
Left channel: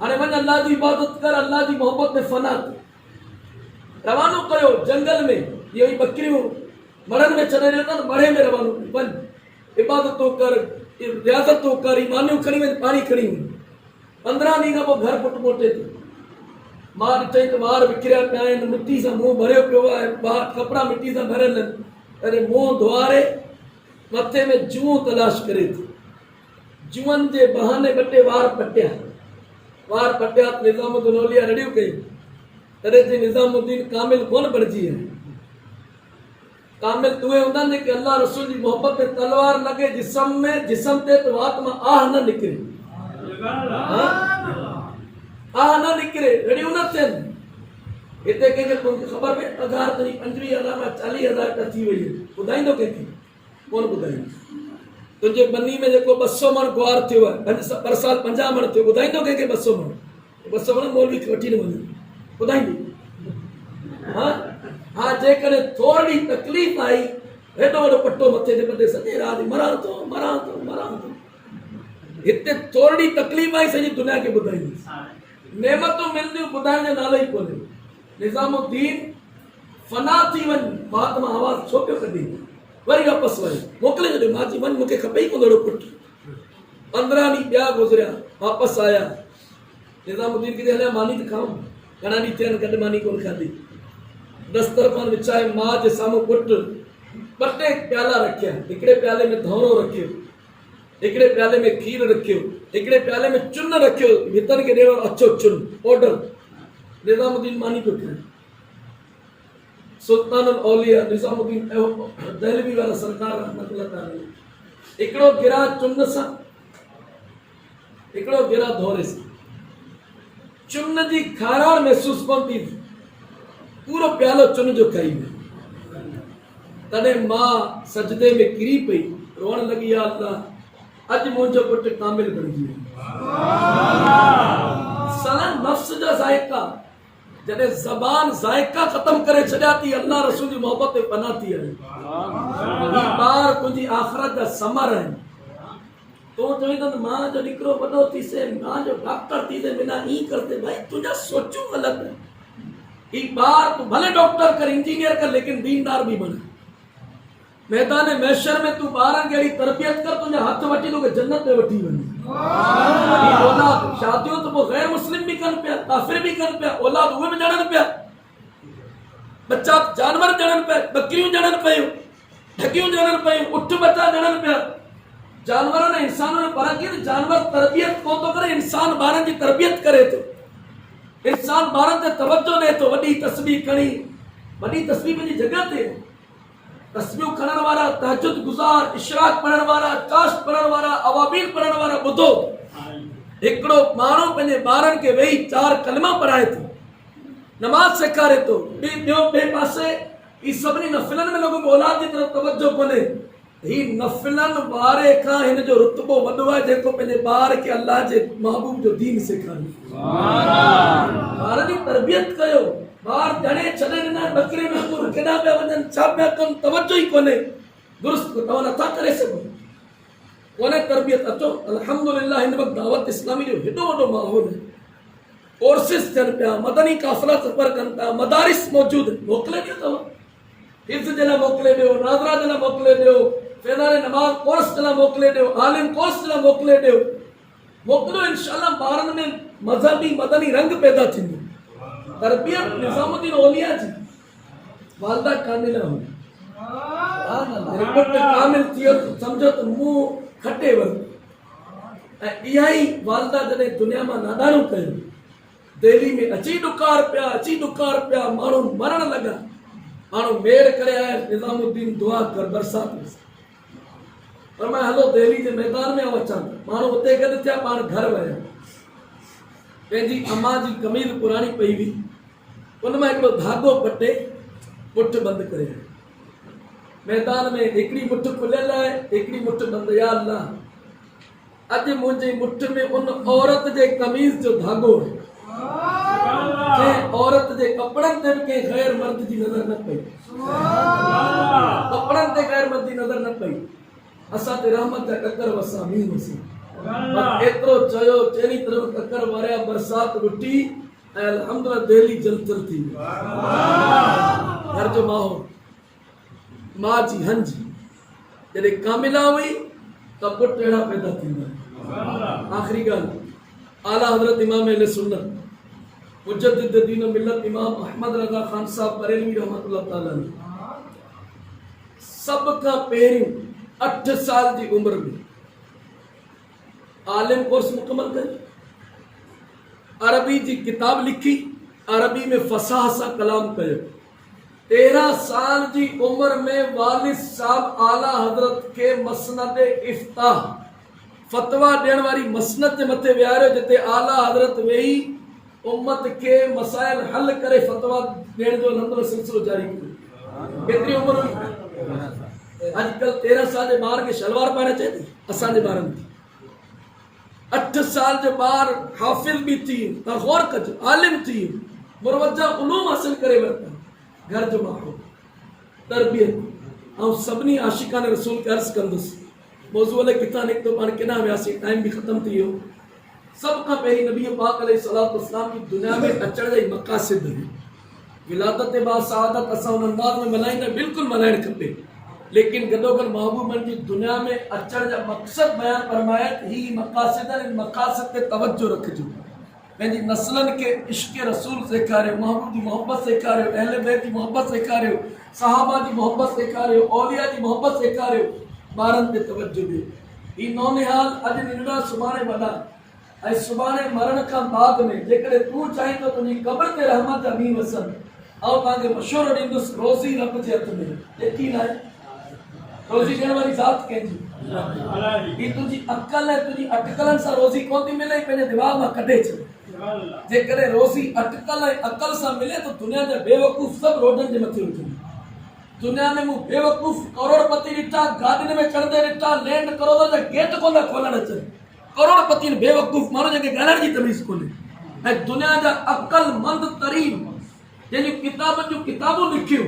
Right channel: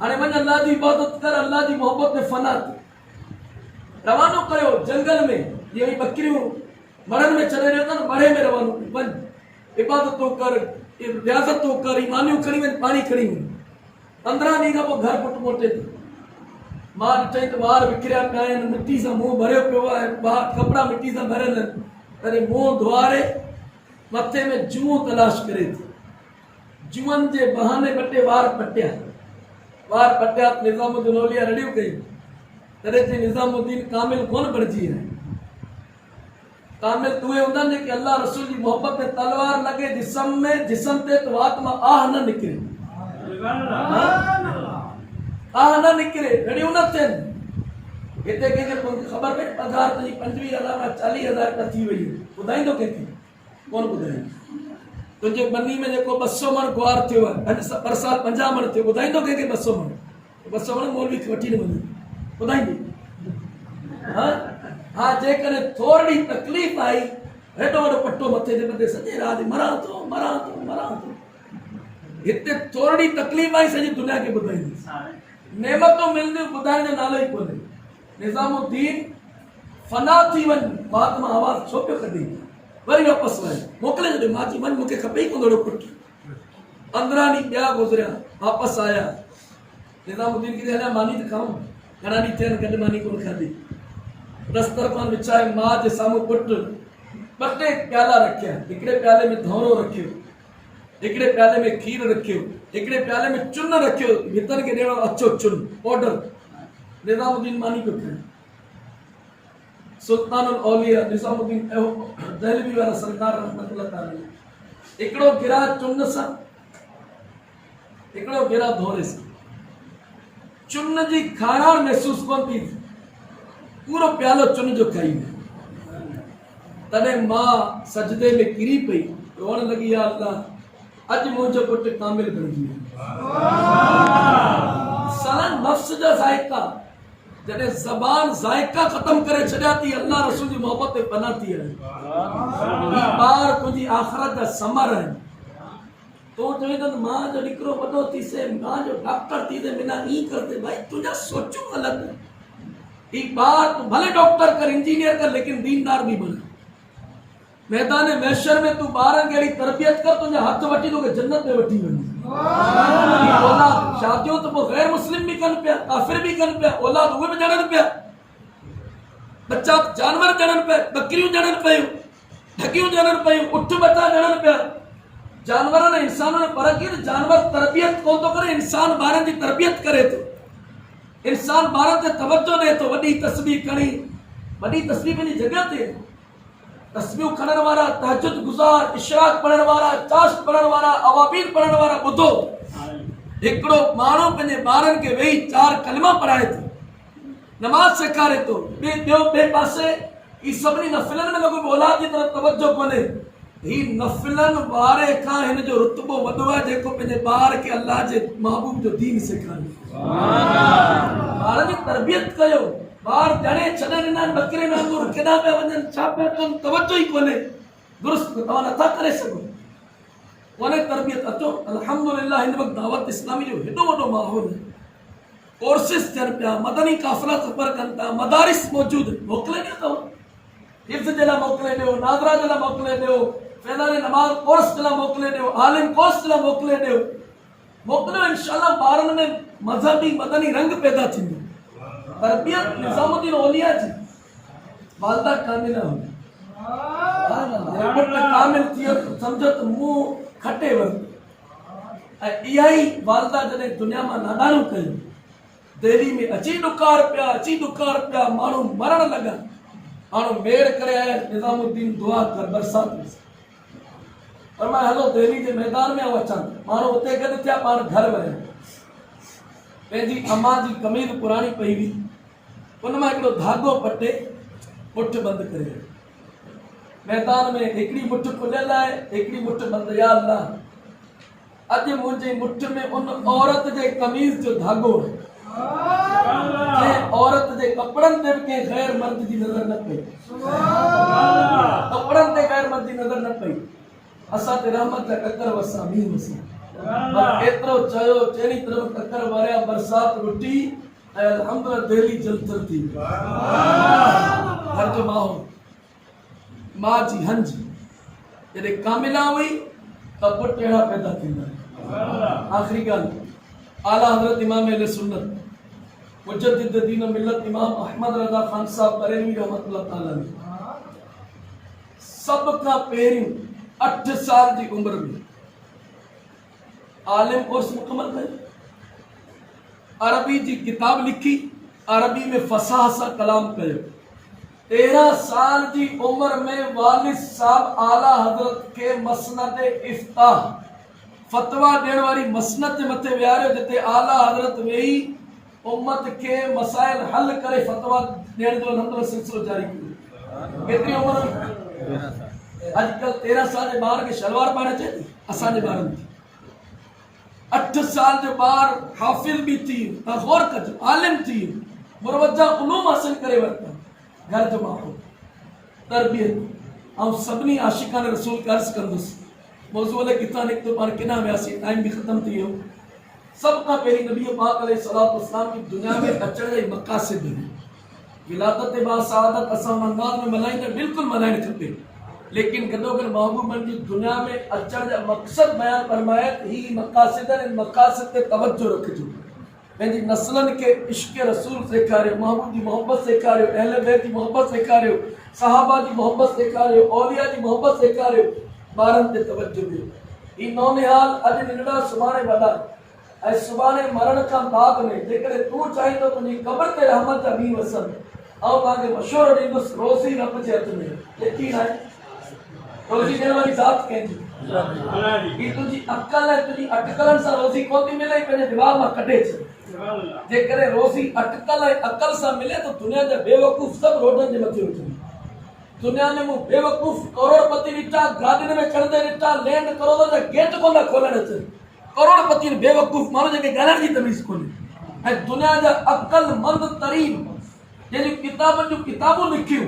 हाणे वञ अल्लाह जी इबादत कर, अल्लाह जी मोहब्बत में फना थी। रवानो करियो जंगल में, इहो ई बकरियूं मड़नि में छॾे ॾियो त मड़े में रवानो वञ, इबादतूं कर, रियाज़तूं कर, ईमानियूं खणी वञ, पाणी खणी वञ। 15 ॾींहं खां पोइ घर पुटु मोटे थो। मां ॾिठई त ॿार विकिरिया पिया आहिनि, मिटी सां मुंहुं भरियो पियो आहे, ॿार कपिड़ा मिटी सां भरियल आहिनि। अरे मुंहुं धुआरे मथे में जूं तलाश करे थी। जूअनि जे बहाने 2 टे वार पटिया त निज़ामुद्दीन औलिया रड़ियूं कयूं। तॾहिं चई निज़ामुद्दीन कामिल कोन बणिजी आहे। कामिल तुहे हूंदा आहिनि जेके अल्लाह रसूल जी मोहब्बत में तलवार लॻे जिस्म ते त वात मां आह न निकिरे, आह न निकिरे, रड़ियूं न थियनि। हिते कंहिंखे ख़बर पए पघार तुंहिंजी 25,000 खां 40,000 त थी वई आहे, ॿुधाईंदो कंहिंखे? कोन ॿुधाईंदो। तुंहिंजे बनी में जेको 200 मण गुआर थियो आहे, पर साल 50 मण थियो, ॿुधाईंदो कंहिंखे? 200 मण 200 मण मौलवी खे वठी न वञे, ॿुधाईंदी? हा जेकॾहिं थोरी तकलीफ़ आई, हेॾो वॾो पटो मथे जे मथे सॼे राति मरां थो। हिते थोरी तकलीफ़ आई, सॼी दुनिया खे ॿुधाईंदी। नेमतूं मिलंदियूं, ॿुधाइण जो नालो ई कोन्हे। निज़ामुद्दीन फना थी वञ, बात मां आवाज़ छो पियो कढी? वरी वापसि वञ, मोकिले छॾियो। मां चई वञ, मूंखे खपे ई कोन अहिड़ो पुटु। 15 ॾींहं ॿिया गुज़रिया, वापसि आया। निज़ामुद्दीन खे हलिया मानी त खाऊं, घणा ॾींहं थिया आहिनि गॾु मानी कोन खाधी। दस्तरखान विछाए मां जे साम्हूं पुटु 2 टे प्याला रखिया। हिकिड़े प्याले में धौरो रखियो, हिकिड़े प्याले में खीर रखियो, हिकिड़े प्याले में चुन रखियो, भितनि खे ॾियण अछो चुन पाउडर। निज़ामुद्दीन मानी पियो खाए। सुल्तानुल औलिया निज़ामुद्दीन दहलवी वारा सरकार रहमतुल्लाह ताला, हिकिड़ो गिरा चुन सां, हिकिड़ो गिरा धौरे सां। चुन जी खाराण महसूस कोन थी, पूरो प्यालो चुन जो खाई वियो। तॾहिं मां सजदे में किरी पई, रोअण लॻी, या अल्लाह अॼु मुंहिंजो पुटु कामिल बणिजी वियो। साला नफ्स जा ज़ाइका, जॾहिं ज़बान ज़ाइका ख़त्म करे छॾिया थी, अल्लाह रसूल जी मोहब्बत में पना थी आहे। ही ॿार तुंहिंजी आख़िरत जा समर आहिनि। तूं चवीं त मां जो निकिरो वॾो थीसे, मां जो डॉक्टर थीसे, बिना ई करते, भाई तुंहिंजा सोचूं ग़लति है। ही ॿार तूं भले डॉक्टर कर, इंजीनियर कर, लेकिन दीनदार भी बन। मैदान महशर में तू ॿारनि खे अहिड़ी तरबियत कर, तुंहिंजा हथ वठी तोखे जन्नत में वठी वञे। औलाद शादियूं त पोइ गैर मुस्लिम भी कनि पिया, काफ़िर भी कनि पिया, औलाद उहे बि ॼणनि पिया, बच्चा जानवर ॼणनि पिया, बकरियूं ॼणनि पियूं, ढकियूं ॼणनि पियूं, उठ बचा ॼणनि पिया। जानवरनि ऐं इंसाननि में फ़र्क़ु आहे त जानवर तरबियत कोन थो करे, इंसान ॿारनि जी तरबियत करे थो। इंसान ॿारनि ते तवजो ॾे थो। वॾी तस्बीह खणी, वॾी तस्बीह पंहिंजी जॻह ते, तस्बीहूं खणण वारा, तहज्जुद गुज़ार, इशराक पढ़ण वारा, चाश्त पढ़ण वारा, अवाबील पढ़ण वारा, ॿुधो हिकिड़ो माण्हू पंहिंजे ॿारनि खे वेही 4 कलमा पढ़ाए थो, नमाज़ सेखारे थो। ॿिए पासे ही सभिनी नफ़िलनि में लोगों औलाद जी तरफ़ तवज्जो कोन्हे। ही नफ़िलनि वारे खां हिन जो रुतबो वॾो आहे जेको पंहिंजे ॿार खे अल्लाह जे महबूब जो दीन सेखारे। ॿार जी तरबियत कयो। ॿार ॼणे छॾे ॾिना आहिनि, बकरे वांगुरु केॾा पिया वञनि, छा पिया कनि, तवज्जो ई कोन्हे। दुरुस्त तव्हां नथा करे सघो, कोन्हे तरबियत। अचो अल्हम्दुलिल्लाह हिन वक़्तु दावत इस्लामी जो हेॾो वॾो माहौल आहे। कोर्सिस थियनि पिया, मदनी काफ़िला सफ़र कनि था, मदारिस मौजूदु, मोकिले ॾियो। तव्हां हिफ्ज़ जे लाइ मोकिले ॾियो, नाज़रा जे लाइ मोकिले ॾियो, फैज़ान नमाज़ कोर्स जे लाइ मोकिले ॾियो, आलिम कोर्स जे लाइ मोकिले ॾियो। मोकिलियो, इंशाअल्लाह ॿारनि में मज़हबी मदनी रंग पैदा थींदो। तरबियत निज़ामुद्दीन औलिया जी वालदा कामिला हुई। पुटु कामिल थियो त सम्झो त मुंहुं खटे वरितो। ऐं इहा ई वालदा जॾहिं दुनिया मां नादाणियूं कयूं, दिल्ली में अची ॾुकार पिया, माण्हू मरण लॻा, माण्हू मेड़ करे आया, निज़ामुद्दीन दुआ कर बरसात में। पर मां हलो दिल्ली जे मैदान में अचां, माण्हू उते गॾु थिया, पाण घर विया, पंहिंजी अम्मा जी कमीज़ पुराणी पई हुई, उन मां हिकिड़ो धागो पटे मुठ बंदि करे आयो। मैदान में हिकिड़ी मुठ खुलियल आहे, हिकिड़ी मुठ बंदि। या अल्लाह, अॼु मुंहिंजी मुठ में उन औरत जे कमीज़ जो धागो आहे, कंहिं औरत जे कपिड़नि ते बि कंहिं गैर मर्द जी नज़र न पई, कपिड़नि ते गैर मर्द जी नज़र न पई। असां ते रहमत जा ककर वसा, मींहुं वसी, एतिरो चयो, चेरी तरफ़ ककर वारिया, बरसात रुटी ऐं अल्हम्दुलिल्लाह दिल्ली जलतर थी। घर जो माहौल, मां जी हंज जॾहिं कामिला हुई त पुट अहिड़ा पैदा थींदा। आख़िरी ॻाल्हि, आला हज़रत इमाम अहले सुन्नत मुजद्दिद दीन मिल्लत इमाम अहमद रज़ा खान साहब बरेलवी रहमतुल्लाह ताला अलैह सब खां पहिरियों 8 साल जी उम्र में आलिम कोर्स मुकम्मल कयो, अरबी जी किताब लिखी, अरबी में फसाह सां कलाम कयो। 13 साल जी उम्र में वालिद साहब आला हज़रत के मसनद इफ्ताह फतवा ॾियण वारी मसनद जे मथे विहारियो, जिते आला हज़रत वेही उम्मत के मसाइल हल करे फतवा ॾियण जो अलहमदुलिल्लाह सिलसिलो जारी कयो। केतिरी उम्र हुई? अॼुकल्ह 13 साल जे ॿार खे शलवार पाइण अचे थी, असांजे ॿारनि खे 8 साल जो ॿार हाफ़िज़ बि थी, तव्हां गौर कजो, आलिम थी, मुरवजा उलूम हासिल करे वरिता। घर जो माहौल, तरबियत, ऐं सभिनी आशिकान रसूल खे अर्ज़ु कंदुसि, मौज़ू अलाए किथां निकितो, पाण केॾां वियासीं, टाइम बि ख़तमु थी वियो। सभ खां पहिरीं नबी पाक अलैहिस्सलातु वस्सलाम की दुनिया में अचण जा मक़ासिद आहिनि। विलादत बासआदत असां उन अंदाज़ में मल्हाईंदा, बिल्कुलु मल्हाइणु खपे, लेकिन गॾोगॾु महबूबनि जी दुनिया में अचण जा मक़सद बयानु फरमाया। ही मक़ासिद आहिनि, इन मक़ासिद ते तवजो रखिजो। पंहिंजी नस्लनि खे इश्क़ रसूल सेखारियो, महबूब जी मोहब्बत सेखारियो, अहले बैत जी मोहब्बत सेखारियो, सहाबा जी मोहब्बत सेखारियो, औलिया जी मोहब्बत सेखारियो, ॿारनि ते तवजो ॾियो। ही नौनिहाल अॼु नंढड़ा सुभाणे वॾा, ऐं सुभाणे मरण खां बाद में जेकॾहिं तूं चाहीं त तुंहिंजी क़ब्र ते रहमत जा मींहुं वसनि। ऐं तव्हांखे मशवरो ॾींदुसि, रोज़ी रब जे हथ में, यकीन आहे रोज़ी ॾियण वारी ज़ात कंहिंजी? ही तुंहिंजी अक़ल ऐं तुंहिंजी अटकलनि सां रोज़ी कोन थी मिले, पंहिंजे दिमाग़ मां कढे छॾ। जेकॾहिं रोज़ी अटकल ऐं अक़ल सां मिले त दुनिया जा बेवकूफ़ सभु रोडनि जे मथे उथनि। दुनिया में मूं बेवकूफ़ करोड़पति ॾिठा, गाॾियुनि में चढ़ंदे ॾिठा, लैंड करोड़ जा गेट कोन था खोलण अचनि। करोड़पति बेवकूफ़ माण्हू जंहिंखे ॻाल्हाइण जी तमीज़ कोन्हे। ऐं दुनिया जा अक़लमंद तरीन जंहिंजूं किताबनि जूं किताबूं लिखियूं,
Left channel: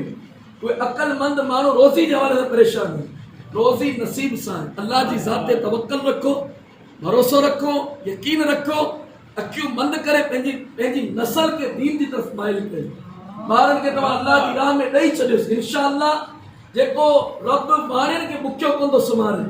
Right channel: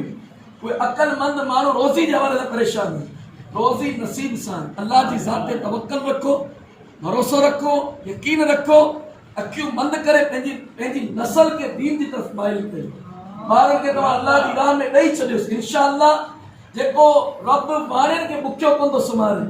उहे अक़लमंद माण्हू रोज़ी जे हवाले सां परेशान आहिनि। रोज़ी नसीब सां आहे। अल्लाह जी ज़ात ते तवक्कल रखो, भरोसो रखो, यकीन रखो, अखियूं बंदि करे पंहिंजी नस्ल खे दीन जी तरफ़ माइल कयो। ॿारनि खे तव्हां अल्लाह जी राह में ॾेई छॾियोसि, इंशाअल्लाह। जेको रब ॿारनि खे बुखियो कोन थो सुम्हारे,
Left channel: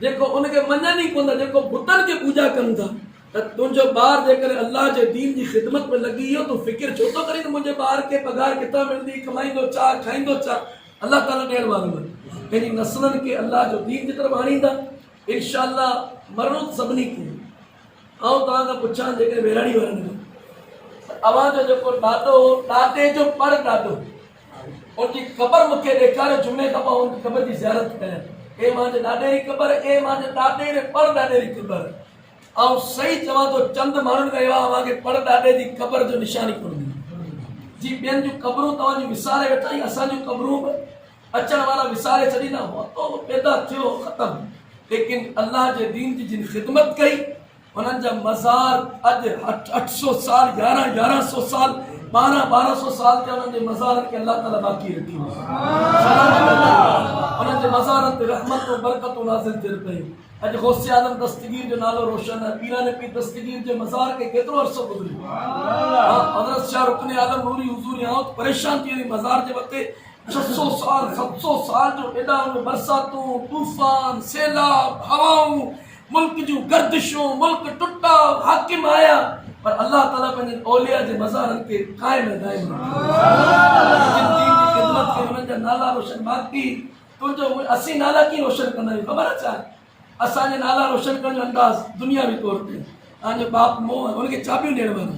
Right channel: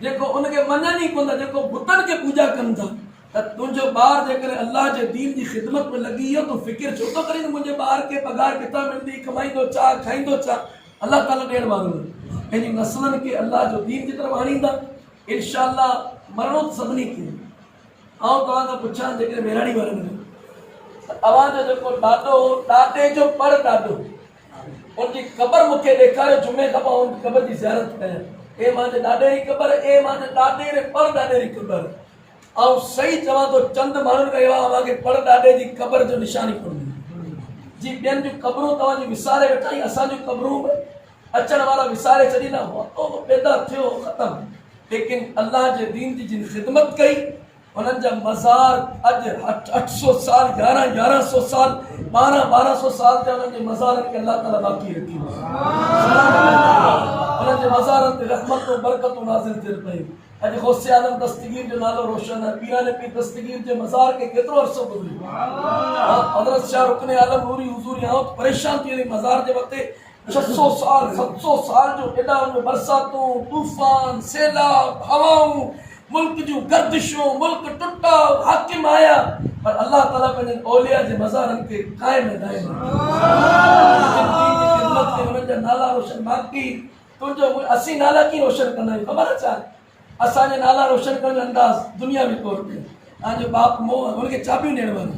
जेको उनखे मञनि ई कोन था, जेको बुतनि खे पूॼा कनि था, त तुंहिंजो ॿार जेकॾहिं अल्लाह जे दीन जी ख़िदमत में लॻी वियो, तूं फ़िकिर छो थो करीं त मुंहिंजे ॿार खे पघार किथां मिलंदी, कमाईंदो छा, खाईंदो छा? अल्लाह ताला ॾियण वारो आहे। पंहिंजी नस्लनि खे अल्लाह जो दीन जी तरफ़ आणींदा, इंशाअल्लाह। मरणो सभिनी खे। ऐं तव्हां खां पुछां, जेकॾहिं वेराड़ी वारनि में अवांजो जेको ॾाॾो, ॾाॾे जो पर ॾाॾो, उनजी क़बर मूंखे ॾेखारियो, जुमे खां पोइ उनजी क़बर जी ज़ियारत कयां। ए मुंहिंजे ॾाॾे जी क़बर, ए मुंहिंजे ॾाॾे रे पर ॾाॾे जी क़बर। ऐं सही चवां थो, चंद माण्हुनि खां अहिड़ा मूंखे पर ॾाॾे जी क़बर जो निशानी कोन मिली। जी ॿियनि जूं क़बरूं तव्हांजी विसारे वेठा आहियूं, असांजूं क़बरूं बि अचण वारा विसारे छॾींदा, मौतो पैदा थियो, ख़तमु। लेकिन अल्लाह जे दीन जी जिन ख़िदमत कई, उन्हनि जा मज़ार अॼु 800 साल, 1100 साल, 1200 साल जा उन्हनि जे मज़ारनि खे अल्लाह ताला बाक़ी रखी। उन्हनि जे मज़ारनि ते रहमतूं बरकतूं नाज़िल थियनि पयूं। अॼु गौसे आलम दस्तगीर जो नालो रोशन आहे। पीरान पीर दस्तगीर जे मज़ार खे केतिरो अरसो गुज़रियो। हज़रत शाह रुकने आलम नूरी हुज़ूरी आऊं परेशान थी वञी मज़ार जे वक़्तु 600 साल 700 साल जो एॾा उनमें बरसातूं, तूफ़ान, सैलाब, हवाऊं, मुल्क जूं गर्दिशूं, मुल्क टुटा, हाकिम आया, पर अल्लाह ताला पंहिंजे औलिया जे मज़ारनि खे क़ाइम दाइम ख़िदमत खे उन्हनि जा नाला रोशन। बाक़ी तुंहिंजो असीं नाला कीअं रोशन कंदा आहियूं ख़बर छा? असांजे नाला रोशन करण जो अंदाज़ दुनियावी तौर ते तव्हांजो बाप मोह हुनखे चाबियूं ॾियण वारा,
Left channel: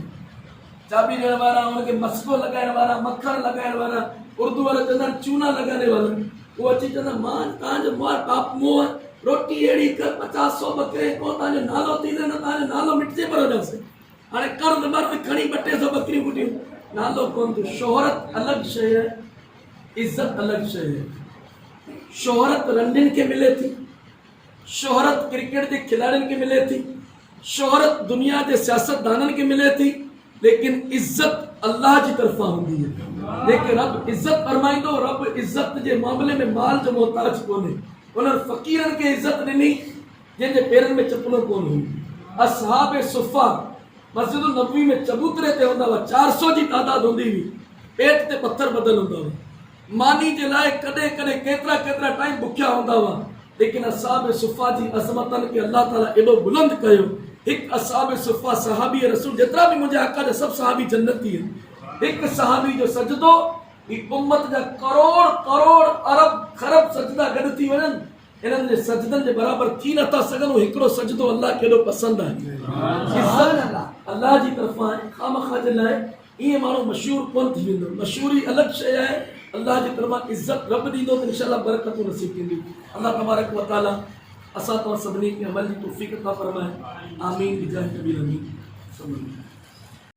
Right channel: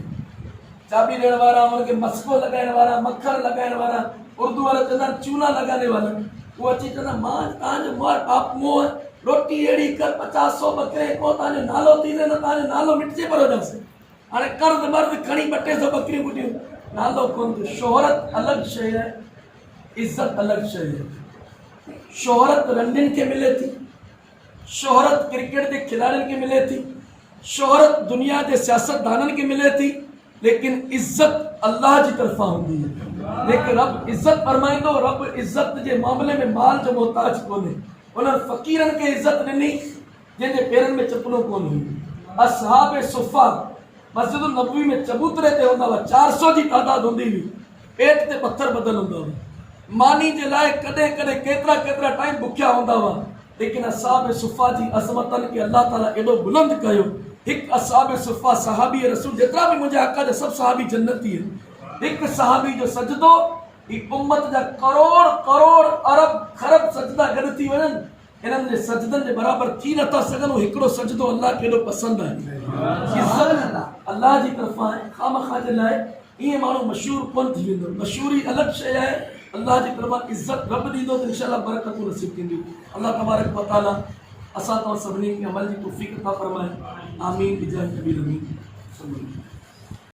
चाबी ॾियण वारा, हुनखे मस्को लॻाइण वारा, मखण लॻाइण वारा, उर्दू वारा चवंदा आहिनि चूना लॻाने वाला, उहो अची चवंदा मां तव्हांजो बाप मोह रोटी अहिड़ी कर 50-100 बकरे को तव्हांजो नालो थींदो न तव्हांजो नालो मिटिजे पर वॾसि। हाणे कर्ज़ मर्ज़ खणी 200-300 बकरियूं गुॾियूं, नालो कोन थो। शोहरत अलॻि शइ आहे, इज़त अलॻि शइ आहे। शोहरत रंडियुनि खे मिले थी, शोहरत क्रिकेट जे खिलाड़ियुनि खे मिले थी, शोहरत दुनिया जे सियासतदाननि खे मिले थी, लेकिन इज़त अल्लाह जी तरफ़ां हूंदी आहे। लेकिन रब इज़त फरमाईंदो, रब इज़त जे मामले में माल जो मोहताज कोन्हे। उन्हनि फ़क़ीरनि खे इज़त ॾिनी जंहिंजे पेरनि में चपलो कोन हुई। असहाब सुफ़ा मस्जिद नबवी में चबूतरे ते हूंदा हुआ, 400 जी तादाद हूंदी हुई, पेट ते पत्थर ॿधल हूंदा हुआ, मानी जे लाइ कॾहिं कॾहिं केतिरा केतिरा टाइम बुखिया हूंदा हुआ। लेकिन असहाब सुफ़ा जी अज़मतनि खे अल्लाह ताला एॾो बुलंद कयो। हिकु असहाब सुफ़ा सहाबी रसूल, जेतिरा बि मुंहिंजे आका जा सभु सहाबी जन्नती आहिनि। हिकु सहाबी जो सजदो ही उम्मत जा करोड़ करोड़ अरब खरब सजदा गॾु थी वञनि, इन्हनि जे सजदनि जे बराबरि थी नथा सघनि। हिकिड़ो सजदो अल्लाह खे एॾो पसंदि आहे। अल्लाह जी तरफ़ां आहे, खामखा जे लाइ ईअं माण्हू मशहूरु कोन थी वेंदो। मशहूरी अलॻि शइ आहे, अल्लाह जी तरफ़ां इज़त रब ॾींदो त इंशाअल्लाह बरकतूं नसीब थींदियूं। अल्लाह तबारक व तआला असां तव्हां सभिनी खे अमल जी तौफ़ीक़ अता फ़रमाए। आमीन बिजाह नबी अमीन।